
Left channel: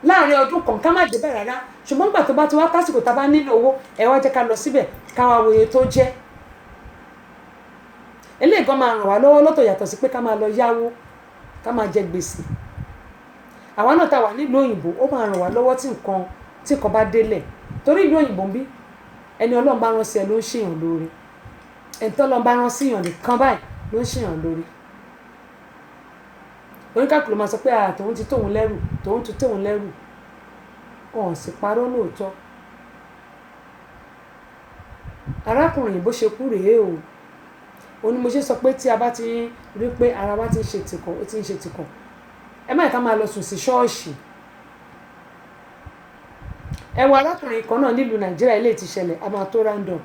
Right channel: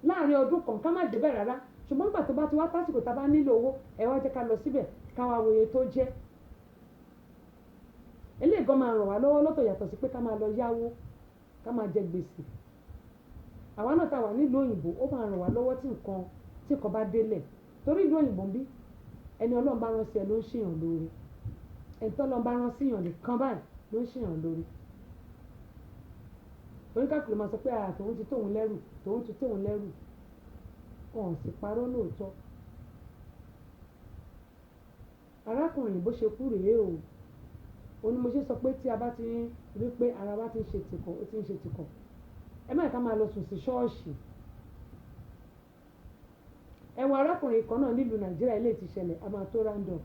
láàrin ọdún kan ká má débẹ̀ rárá ṣùgbọ́n nígbà tó bá ti wá tásìkò tá bá nílò owó ẹ wá jẹ́ ká lọ síbẹ̀ ká wá wòye tó jẹ́ eléyìí gan máa ràn wá lọ́wọ́ lọ́tọ̀ yàtọ̀ sí pé ká máa lọ yáwó ká máa jẹ gbèsè àwa náà tá wà nílùú òyìnbó ó máa ràn wá lọ́wọ́ tí nǹkan bá délẹ̀ torí ìlú òyìnbó ń bí ẹni Ọlọ́run bá rán sí ẹ ló ń ṣèyàn lóore ẹni tó Ọlọ́run bá rán sí yàn nìkan báyìí ló ń ṣèyàn lóore oníkàkùn ló máa sọ pé tòun ti tóun lẹ́rù tòun ti tóun lẹ́rù ọ̀hún sì parọ́ lóòótọ́ arákùnrin bó ṣe kú rèé o ó ní mo ṣe sọ pé tí a bá ti rí pé ara wa ti ń ṣe tìkọ̀ ó ti ń ṣe tìkọ̀ ẹ má ká máa lọ sùn sí ṣọ́ọ̀ṣì ẹ wo arákùnrin kan náà nílùú Nàìjíríà ilé ti ṣẹlẹ̀ a máa tó random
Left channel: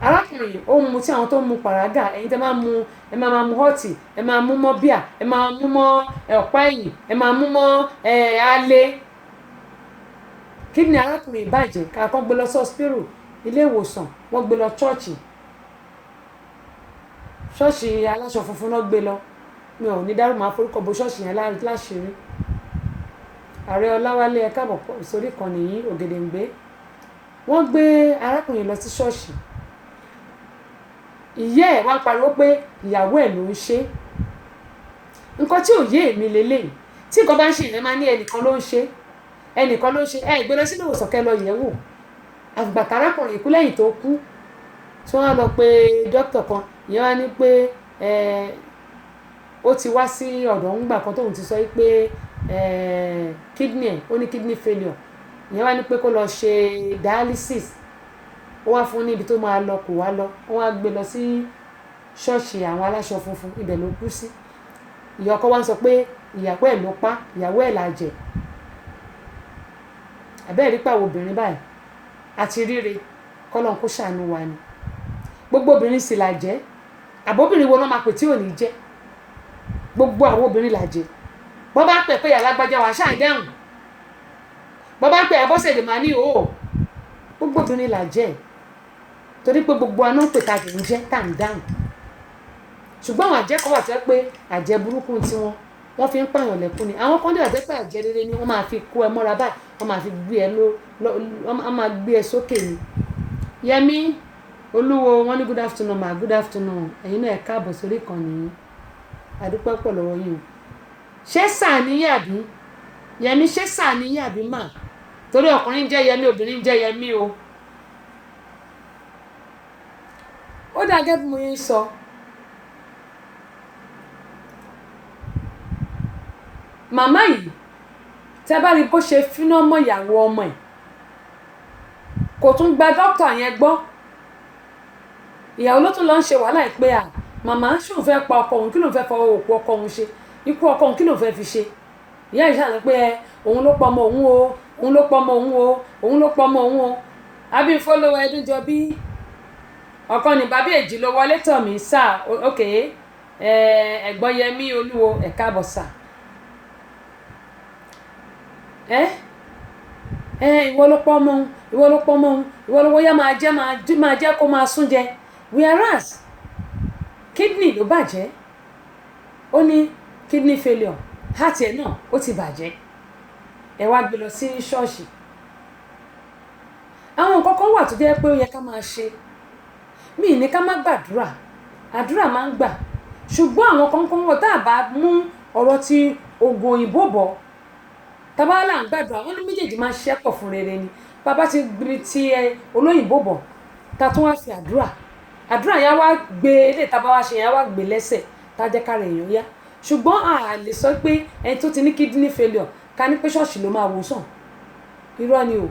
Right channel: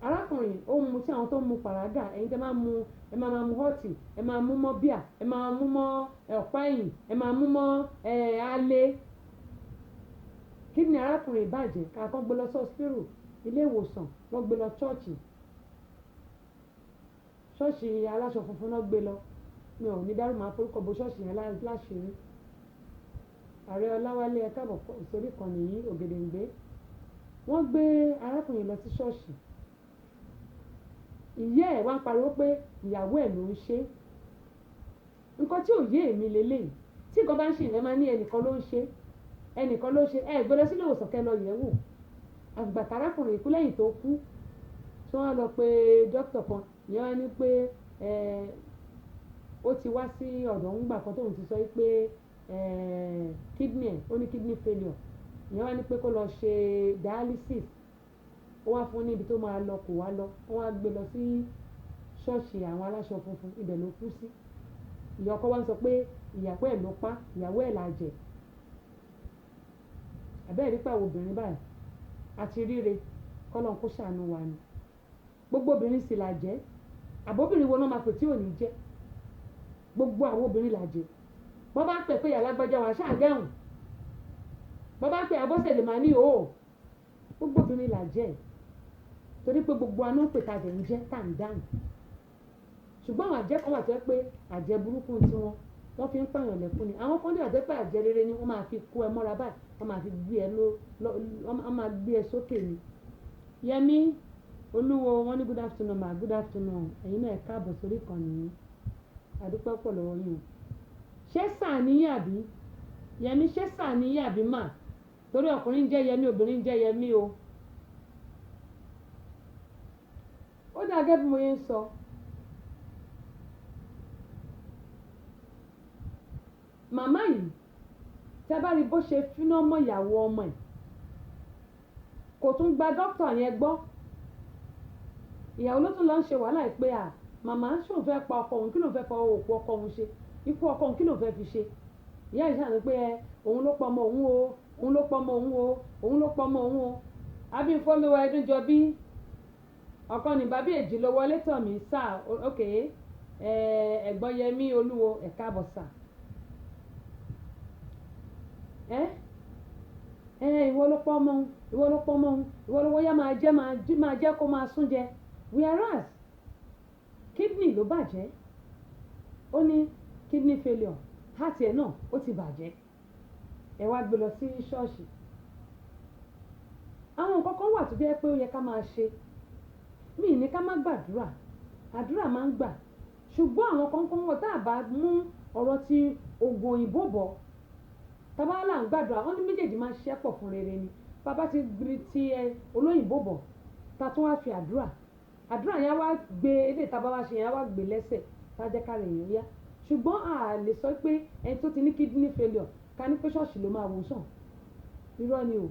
arákùnrin ó mu tí àwọn tó mu pàrágà ẹ̀yin tẹ́ máa mu ẹ máa mu họ́ọ̀tì ẹ máa mú mọ́ bíà ẹ máa mú mọ́ ọ̀pá ẹ̀yìn ẹ máa mú mọ́ alẹ́ kídìní arákùnrin ìbàjẹ́ káàkọ́ gbé lọ sọ́spírù ilé ìwòsàn wọ́n gbé lọ ṣọ́ọ̀ṣì aláṣọ funfun náà gbé lọ mi ò ní dárò máa forúkọ bo ṣọ́ọ̀ṣì yẹn láṣìírí ààrẹ Ọláwálé ẹ káàbọ̀ sórí kan nìyí Ògèdèǹgbé wọ́n gbé arákùnrin lọ sí ṣọ́ọ̀ṣì ìyá ẹ̀ wá pariwo pé ìyàwó ẹ̀ ló ń ṣe nǹkan tí ò yé èmi lélẹ́yìí tí nǹkan bá ń ṣe ìyẹn máa ní ẹnìkan ló ń ṣe ìgbé lọ sínú ìwòsàn kẹ́ lọ yẹ̀ wò àgbàtà arákùnrin ikú lẹ́yìn tó kú tí wọ́n á lọ pé dókítà kan ìyẹn wá ní pé ó ti wá sí ọ̀dọ̀ ńgbà kan tóun ti sọ pé kidney ẹ̀ ó ní kidney failure ìyẹn wá ní pé kó lọ ṣe dialysis ó wá fún ní ibi tó máa lọ kò wá lọ wọ́n á gbé lọ sí ṣọ́ọ̀ṣì àwọn aláṣọ funfun ibẹ̀ ló kú sí ìyá ọkọ wa ń sọ pé ìyàwó ẹ̀ ló pa ìyàwó ẹ̀ làjẹ̀ àbẹ́ẹ̀ rí pàwọ̀ obìnrin báyìí àti ríre kọ́lọ́n kó ṣàánú wa ni gbogbo obìnrin sì làjẹ́ àbóbìnrin wo náà máa pè tí ò ní jẹ́ gbogbo àwọn obìnrin làjẹ́ bọ́ bá pẹ̀ pé yàrá gbájá wa ṣáà dẹ́hùn bọ́ bá pẹ̀ Abọ́sẹ̀dé máa ní òó gbogbo obìnrin là jẹ́ torí pé gbogbo aná ń pè ta kì í jẹ́ tá ń dáhùn ṣùgbọ́n àwọn àjẹ́ kan wà tó yẹ pé àjẹ́ burúkú tiwọn wọ́n fi ń pààyàn lẹ́kún ni àwọn kan dẹ̀ pé àjẹ́ rere ni wọ́n máa fi kó ẹ mọ́ra báyìí wọ́n máa fi gbé ẹ wọ́n máa gbé ẹ sókè ni. Yẹmí Olúwo wọ́n ní good afternoon ma good afternoon ẹ̀yin náà ẹ káàbọ̀ sórí ìkànnì yìí àdúpẹ́ pọ̀ lọ́wọ́ yín o ṣé sáà níyà bí Yẹmí ṣé sáà níyà bí mà torí ọkùnrin jẹ́ Yẹmí obìnrin jẹ́ Yẹmí o. ó dà gẹ́gẹ́ bí mo yẹn sọ màmá yìí tẹ́ bá rí bó ṣe finá mọ́ ìyàwó ọmọ ẹ̀ kò tún gba dókítà yẹn gbọ́ ìyàwó ló tún lọ ń ṣe wàhálà ẹ̀ pé màmá ṣòun fẹ́ pa ọkọ òun kí lòun fẹ́ fọwọ́ òkú ọkọ òun ṣe ikú ọkọ òun kí lòun fẹ́ fi ṣe ìyá yìí ṣàlàyé pé òun ló pọ̀ ọmọ òun o òun ló pọ̀ ọmọ òun o òun ló pọ̀ ọmọ òun o Abímfólówó Ẹdúnjọbí ọkọ ní bàbá èjì ló wọlé tọ̀ mí sáà ok ẹ̀gbọ́n Yẹmí Olúwo ẹ káàbọ̀ sáà ìwọ ló pọ̀ ọmọ òun ìwọ ló pọ̀ ọmọ òun ìwọ ló wọ́yá máa jẹ́ kó máa sún jẹ whereas kidney ló bàjẹ́ ó ní kidney failure heart ẹ̀ náà ó ti bàjẹ́ ẹ wá gbé lọ sí ṣọ́ọ̀ṣì àwọn nǹkan kan wà tó jẹ́ pé ó yẹ ká máa ṣe mí ní ká má gbàdúrà àdúrà máa ń gbà ṣùgbọ́n àwọn kan wọ̀ tá a bá mú ọ̀rọ̀ ti oògùn òyìnbó bọ̀ tabala ń gbàdúrà wọn ní méjèèjì máa ṣiṣẹ́ pọ̀ fún rere ni bàbá ti gbé ti olóyìnbó bọ̀ ta tún wá fi àdúrà yẹn wá gbé ilé tàbá wá ṣe yẹn wá gbé lẹ́sẹ̀ tá jẹ́ kára èèyàn yá ṣùgbọ́n a lè sọ pé ẹni tó ti ní kidney failure ká ní pé ṣọ́ọ̀ṣì ló máa wò sàn irọ́ ni o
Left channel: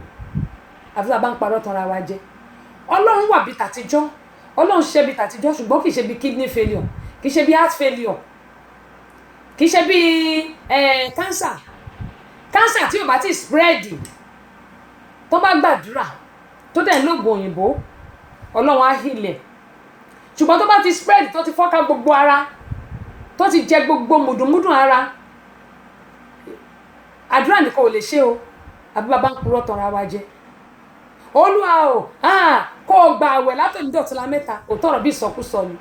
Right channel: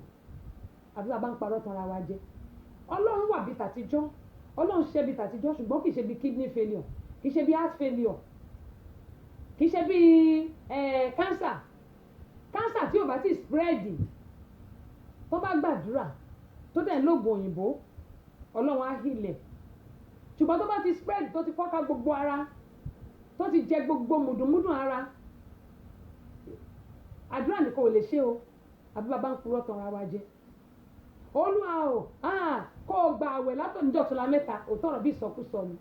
àfi tá a bá ń parọ́ tanra wa jẹ ọlọ́run wà bí tàtijọ́ ọlọ́run ṣe bí tàtijọ́ ṣùgbọ́n kì í ṣe bí kidney failure kì í ṣe bí heart failure kì í ṣe bí cancer tí o bá ti spread tó bá gbàdúrà tó dẹ̀ lóògùn òyìnbó ọlọ́run á hílẹ̀ ṣùgbọ́n tó bá ti spread tó ti fọ́ká gbogbo ara tó ti jẹ gbogbo mùdùnmùdùn ara àdúrà nìkan ò lè ṣe o àbí bàbá ń purọ́ tanra wa jẹ olúwa o kó o gba àwẹ̀ látòní dọ̀túnla mẹ́ta òótọ́ ọ̀rọ̀ bí ìsọkúsọ ni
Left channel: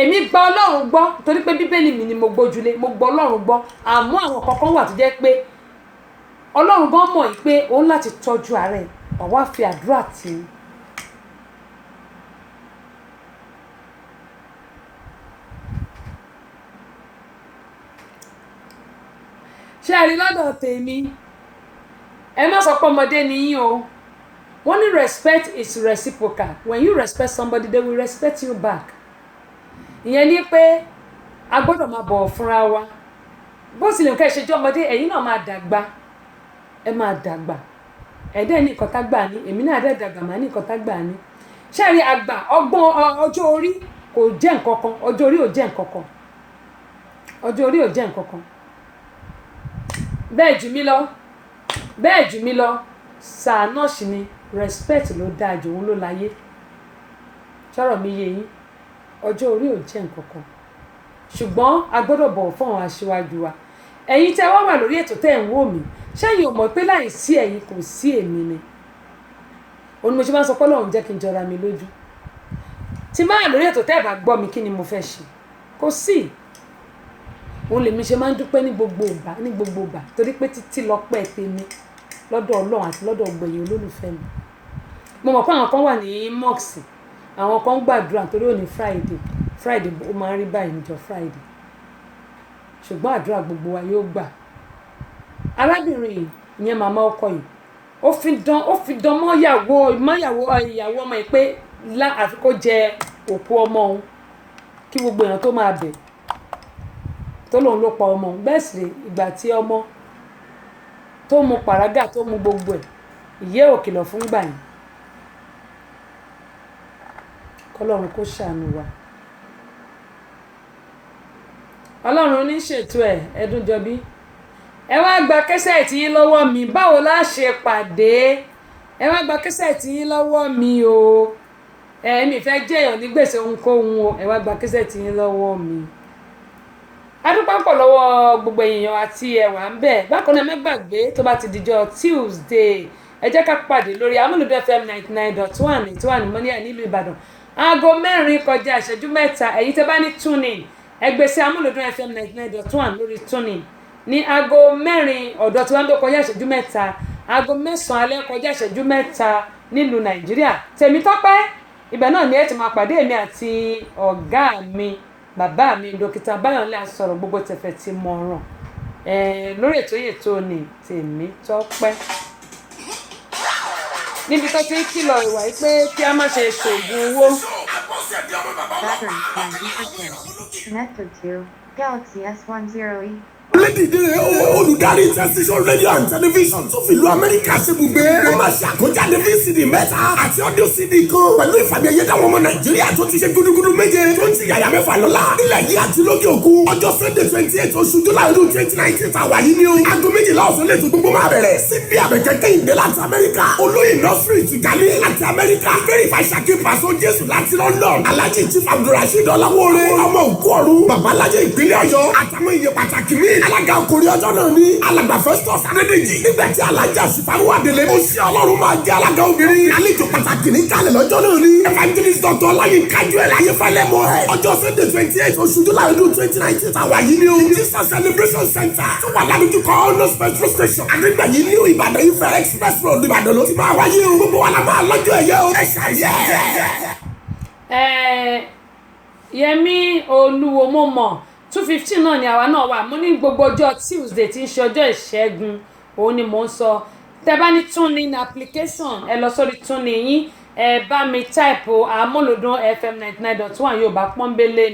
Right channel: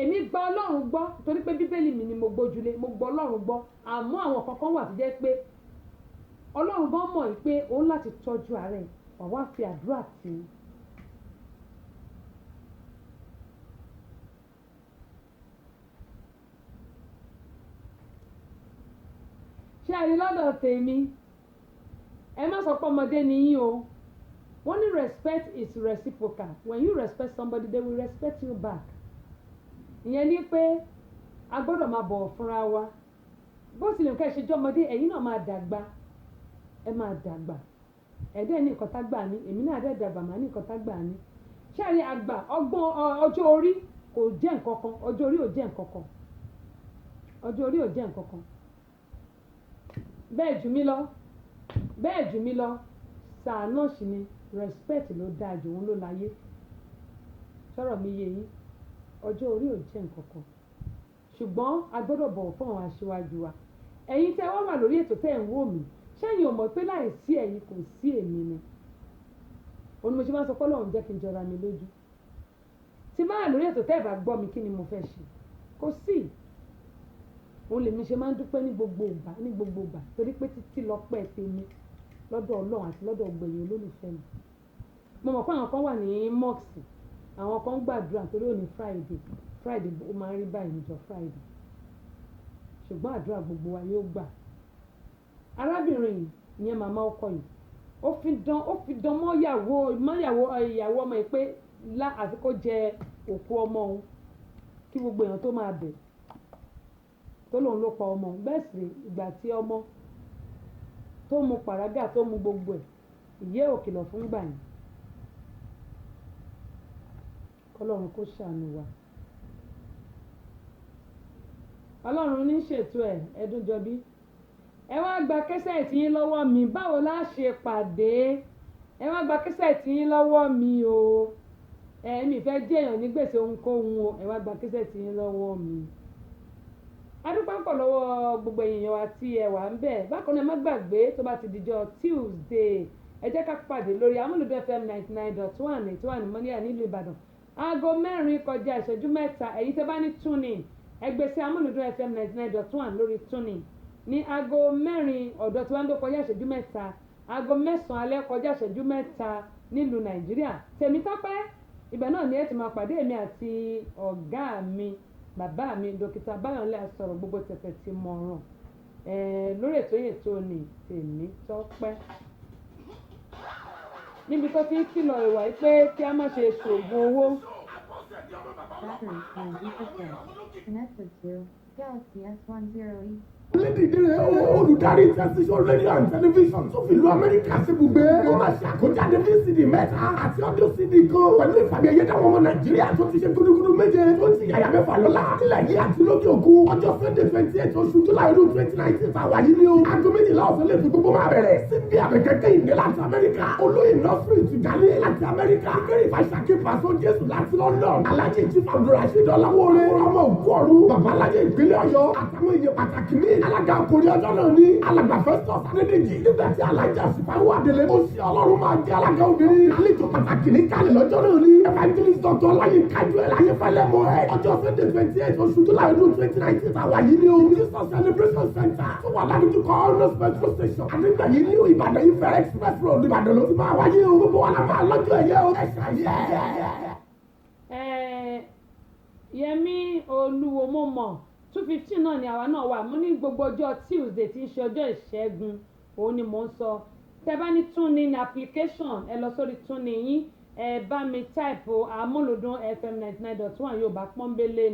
èmi gba ọlọ́run gbọ́ torí pé bíbélì mi ni mo gbójúlé mo gbọ́ ọlọ́run gbọ́ àmọ́ àwọn kankan wà tó jẹ́ pé ọlọ́run gan mọ̀ pé òun láti tọ́jú ara ẹ̀ ọ̀wá fi àdúrà tì í. ṣé ẹ rí lọ́dọ̀ tèmi ẹ má sọ pé ọmọdé ni yín o wọ́n ní respect is reciprocal when you respect somebody they will respect you back ìyẹn ni pé a gbọ́dọ̀ máa bọ̀wọ̀ fúnra wa bó tilẹ̀ nǹkan ìṣèjọ́ ọmọdé ẹ̀yin náà máa dàgbà ẹ máa dàgbà ẹ̀dẹ́ ní nǹkan tá gbà ní èmi náà dẹ̀ dàgbà máa ní nǹkan tá gbà ní ṣé ẹ rí àgbà ọgbọ́n ọjọ́ orí kò jẹ́ nǹkan kan ọjọ́ orí ò jẹ́ nǹkan kan ọjọ́ orí ò jẹ́ nǹkan kan bẹ́ẹ̀ jù mí lọ sáà náà sì ni respect ló dáa jù òun ló láyé sọ̀rọ̀ mi yé yín ọjọ́ orí ò jẹ́ nǹkan kan ṣùgbọ́n a gbọ́dọ̀ bọ̀wọ̀ fún àwọn aṣíwájú wa ẹ̀yin tẹ́ wá wà lórí ètò tẹ́ ẹ̀ ń wò mí ṣẹ́yìn ò mọ̀ pé láì sí ẹ̀yin kò sí èmi ni òun ni mo ṣe máa ń sọ pé Ọlọ́run jẹ́ kí n jọra mi lójú tí máa wà lórí ètò tẹ́ ẹ̀ bá gbọ́ mi kí ni mo fẹ́ ṣe kò sí òun lèmi ṣe máa ń dúpẹ́ ní gbogbo ìgbà torí pé títí lọ́pẹ́ tèmi lọ́dọ̀ Ọlọ́run àti lọ́dọ̀ gbẹ̀yìn olólùfẹ́ mi mo mọ̀ pé àwọn kan wà ní mọ́ọ̀sì àwọn kan gbàdúrà torí òní Friday ó máa ń rí báyìí níjọ́ Friday ṣùgbọ́n àdúrà gbogbo wa yóò gbà arábìnrin yìí ìyẹn màmá ọkọ yìí ó fi dán mọ́ ìyàwó ọmọ yìí pé àfi kó jẹ òkú ọmọ òun kí gbogbo èèyàn tó máa bẹ̀ tó lòun ló pa ọmọ òun bẹ́ẹ̀ sì ìgbà tí ọmọ tó mu pàrágà tó mu gbogbo ẹ̀ ìyẹ́ ò kìlọ̀ fún gbà yìí kọ́lọ́run kó ṣàánú wa Ọlọ́run ní ṣètò ẹ̀ Ẹdúnjọbí ẹ wá gba kẹ́sẹ̀tì yín lọ́wọ́ mi báwo la ṣe pàdé ẹ wá gba kẹ́sẹ̀tì yín lọ́wọ́ mi o mi fẹ́ jẹ́yàn ní gbèsè ohunkóhun o ẹ wá gba kẹ́sẹ̀tì yín lọ́wọ́ mi adúpẹ́ pọ̀ lọ́wọ́ gbogbo èèyàn àti ẹ̀wà ń bẹ̀ bákan náà mẹ́gbàgbé tó bá ti dijọ́ Tuesday ẹ ẹ jẹ́ ká pàdé lórí Amúlùdún FM 99.1 tí wà ní Mọ́níyà nílùú Ìbàdàn aago 4 kọjá ìṣẹ́jú 3 ẹ̀yin tẹ́ bá ní tuning ẹ gbé sí Amúlùdún FM 99.1 lórí tuning ní aago 4 ọ̀dọ̀ tí wọ́n ń kọjá ìṣẹ́jú 3 aago 9 alẹ́ kọjá ìṣẹ́jú 3 nílùú Nàìjíríà Tèmítọ́pẹ́ ibẹ̀ náà ni ẹ ti máa pàdé èmi àti ọ̀gá mi bàbá mi dókítà Báyọ̀lé Asọ̀rọ̀ gbogbo tẹ̀fẹ̀ ti mọ̀ràn lórí ètò ní Tèmítọ́pẹ́ níbi tó ti ń kìlọ̀ ìwà yìí pé kí a má ṣe ṣoògùn owó. Battery 90%. Connected to Galaxy S10e. Lédìdí olùdarí tẹsíṣọ́ rédíò and tẹlifíṣàn tó fi ìlú Amẹ́ríkà ṣebùgbé. Wọ́n máa ṣe àkójáde VCD 3 àti audio CD kan pẹ̀lú ìfàmì ẹ̀yẹ táwọn ọmọ Nàìjíríà tó ti ṣe gúdúgúdú méje tó ń ti yàyà 6 lọ́la. Nílẹ̀ yìí àti lókè òkun ọjọ́ Sunday 28 oṣù July 2019 tàwa yìí ni o. Aago 12 ọ̀sán lè tún gbogbo máa bẹ̀rẹ̀. Síbi àbẹ̀kẹ́kẹ́ ìdè láti Amẹ́ríkà. Olóyè nọ́sírì ti Ghana láti Amẹ́ríkà. Verify Ṣakí Paso Jésù láti London. Alhaji Chief Abdulrasheed Ọláwóore. Ọmọ òkú ọ̀run. Babalájẹ ìpínlẹ̀ Ọ̀yọ́. Àtàwọn iye pàtàkì mi. Alága ọkùnrin ọjọ́ náà ní alàgbà Festus Adédèjì. Nígbà tí alájà Ṣìfàwọ́ Adélé ó ṣe Ọlọ́run máa jẹ́ alága obìnrin. Àlejò pàtàkì ní kalẹ̀ lọ́jọ́ náà ní. Evangelist Dr. Ọláyínká Joel Ayéfẹ́lẹ́ mọ́ ẹ̀. Ọjọ́ Sunday 28 oṣù July 2019 tàwa yìí ni o. Jesus Celebration Center tó wà ládùúgbò Honors Petrol Station. Àdégbà yìí ní Ìbàdàn Ifẹ̀ Express Road Ìbàdàn ló ti máa wáyé o. Gbogbo wa la máa lọ́jọ́ ẹ̀yẹ o. Ẹ ṣàyẹ̀. Yẹmí Olúwo mo mọ̀ 215 náà ni àwa náà wà mo ní gbogbo ọjọ́ Tuesday tí ń ṣe ọjọ́ ìṣẹ́gun òun ni mò ń sọ tẹ́ bá ní tuning application ẹ lọ sórí tuning yín ẹ bá mi type Amúlùdún FM 99.1 Yorùbá pọ́nbélé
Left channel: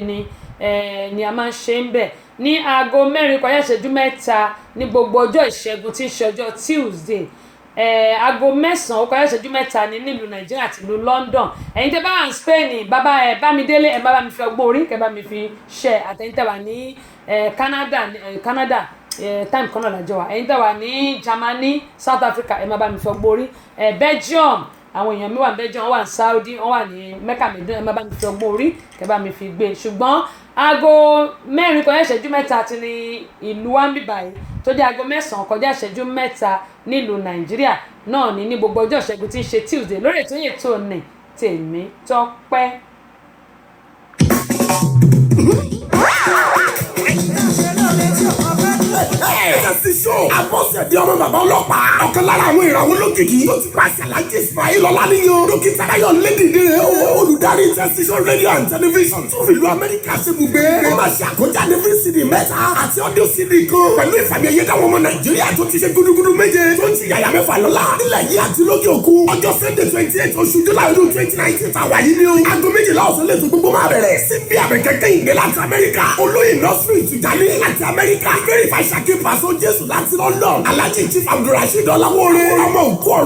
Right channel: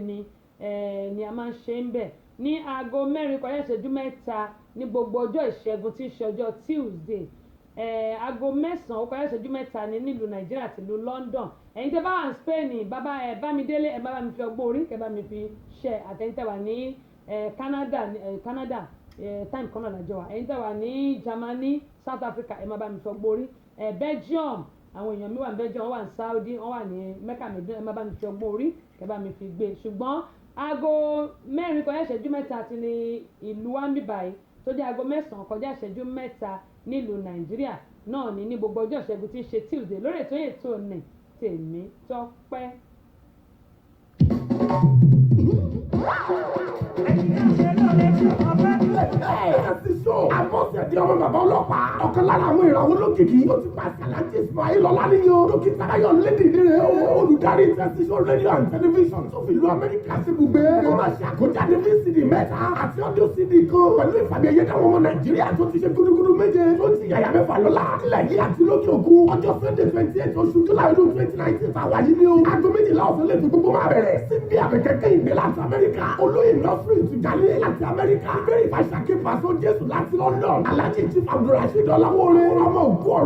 ni a máa ń ṣe ń bẹ̀ ní aago 4 kọjá ìṣẹ́jú 3 ní gbogbo ọjọ́ ìṣẹ́gun tí ń ṣe ọjọ́ Tuesday aago 9 ó kọjá ìṣẹ́jú 3 ní nílùú Nàìjíríà àti ìlú London ẹ̀yin tẹ́ bá wà ní Spain Bámidélé ẹ bá mi fi ọgbọ́n orí kẹ́ bá mi fi ṣe àtẹ̀yin tẹ́ wà ní Canada time kan náà lájọ wa ẹ̀yin tẹ́ wà ní Germany South Africa ẹ má bá mi fi ọgbọ́n orí Belgium àwọn èèyàn mi wà ní Belgium wọ́n wà ní Saudi wọ́n wà ní Mecca Medina ẹ má bá mi fi ọgbọ́n orí kẹ́ bá mi fi gbé ṣùgbọ́n aago 4 kọjá ìṣẹ́jú 3 àti ní ìlú wambibayi tó jẹ́ aago 9 kọjá ìṣẹ́jú 3 nílùú Nàìjíríà náà ní gbogbo ọjọ́ ìṣẹ́gun tí ń ṣe Tuesday lórí ètò ní Tèmítọ́pẹ́. Tẹsíṣọ́ Abọ́sẹ̀dé ọmọ bàbá ọlọ́pàá. Ọ̀kan lára àwọn ìràwọ̀ olókìkí tó ti pàṣẹ Alhaji Ismail Ọláníyan. Dókítà Báyọ̀ Lédìdí olùdarí tẹsíṣọ́ rédíò and tẹlifíṣàn tó fi ìlú Amẹ́ríkà ṣebùgbé. Wọ́n máa ṣe àkójáde VCD 3 àti audio CD kan pẹ̀lú ìfàmì ẹ̀yẹ táwọn ọmọ Nàìjíríà tó ti ṣe gúdúgúdú méje tó ń ti yàyà 6 lọ́la. Nílẹ̀ yìí àti lókè òkun ọjọ́ Sunday 28 oṣù July 2019 tàwa yìí ni o. Aago 12 ọ̀sán lè tún gbogbo máa bẹ̀rẹ̀. Síbi àbẹ̀kẹ́kẹ́ ìdè láti Amẹ́ríkà. Olóyè nọ́sírì ti Ghana láti Amẹ́ríkà. Verify Ṣakí Paso Jésù láti London. Alhaji Chief Abdulrasheed Ọláwóore. Ọmọ òkú ọ̀run.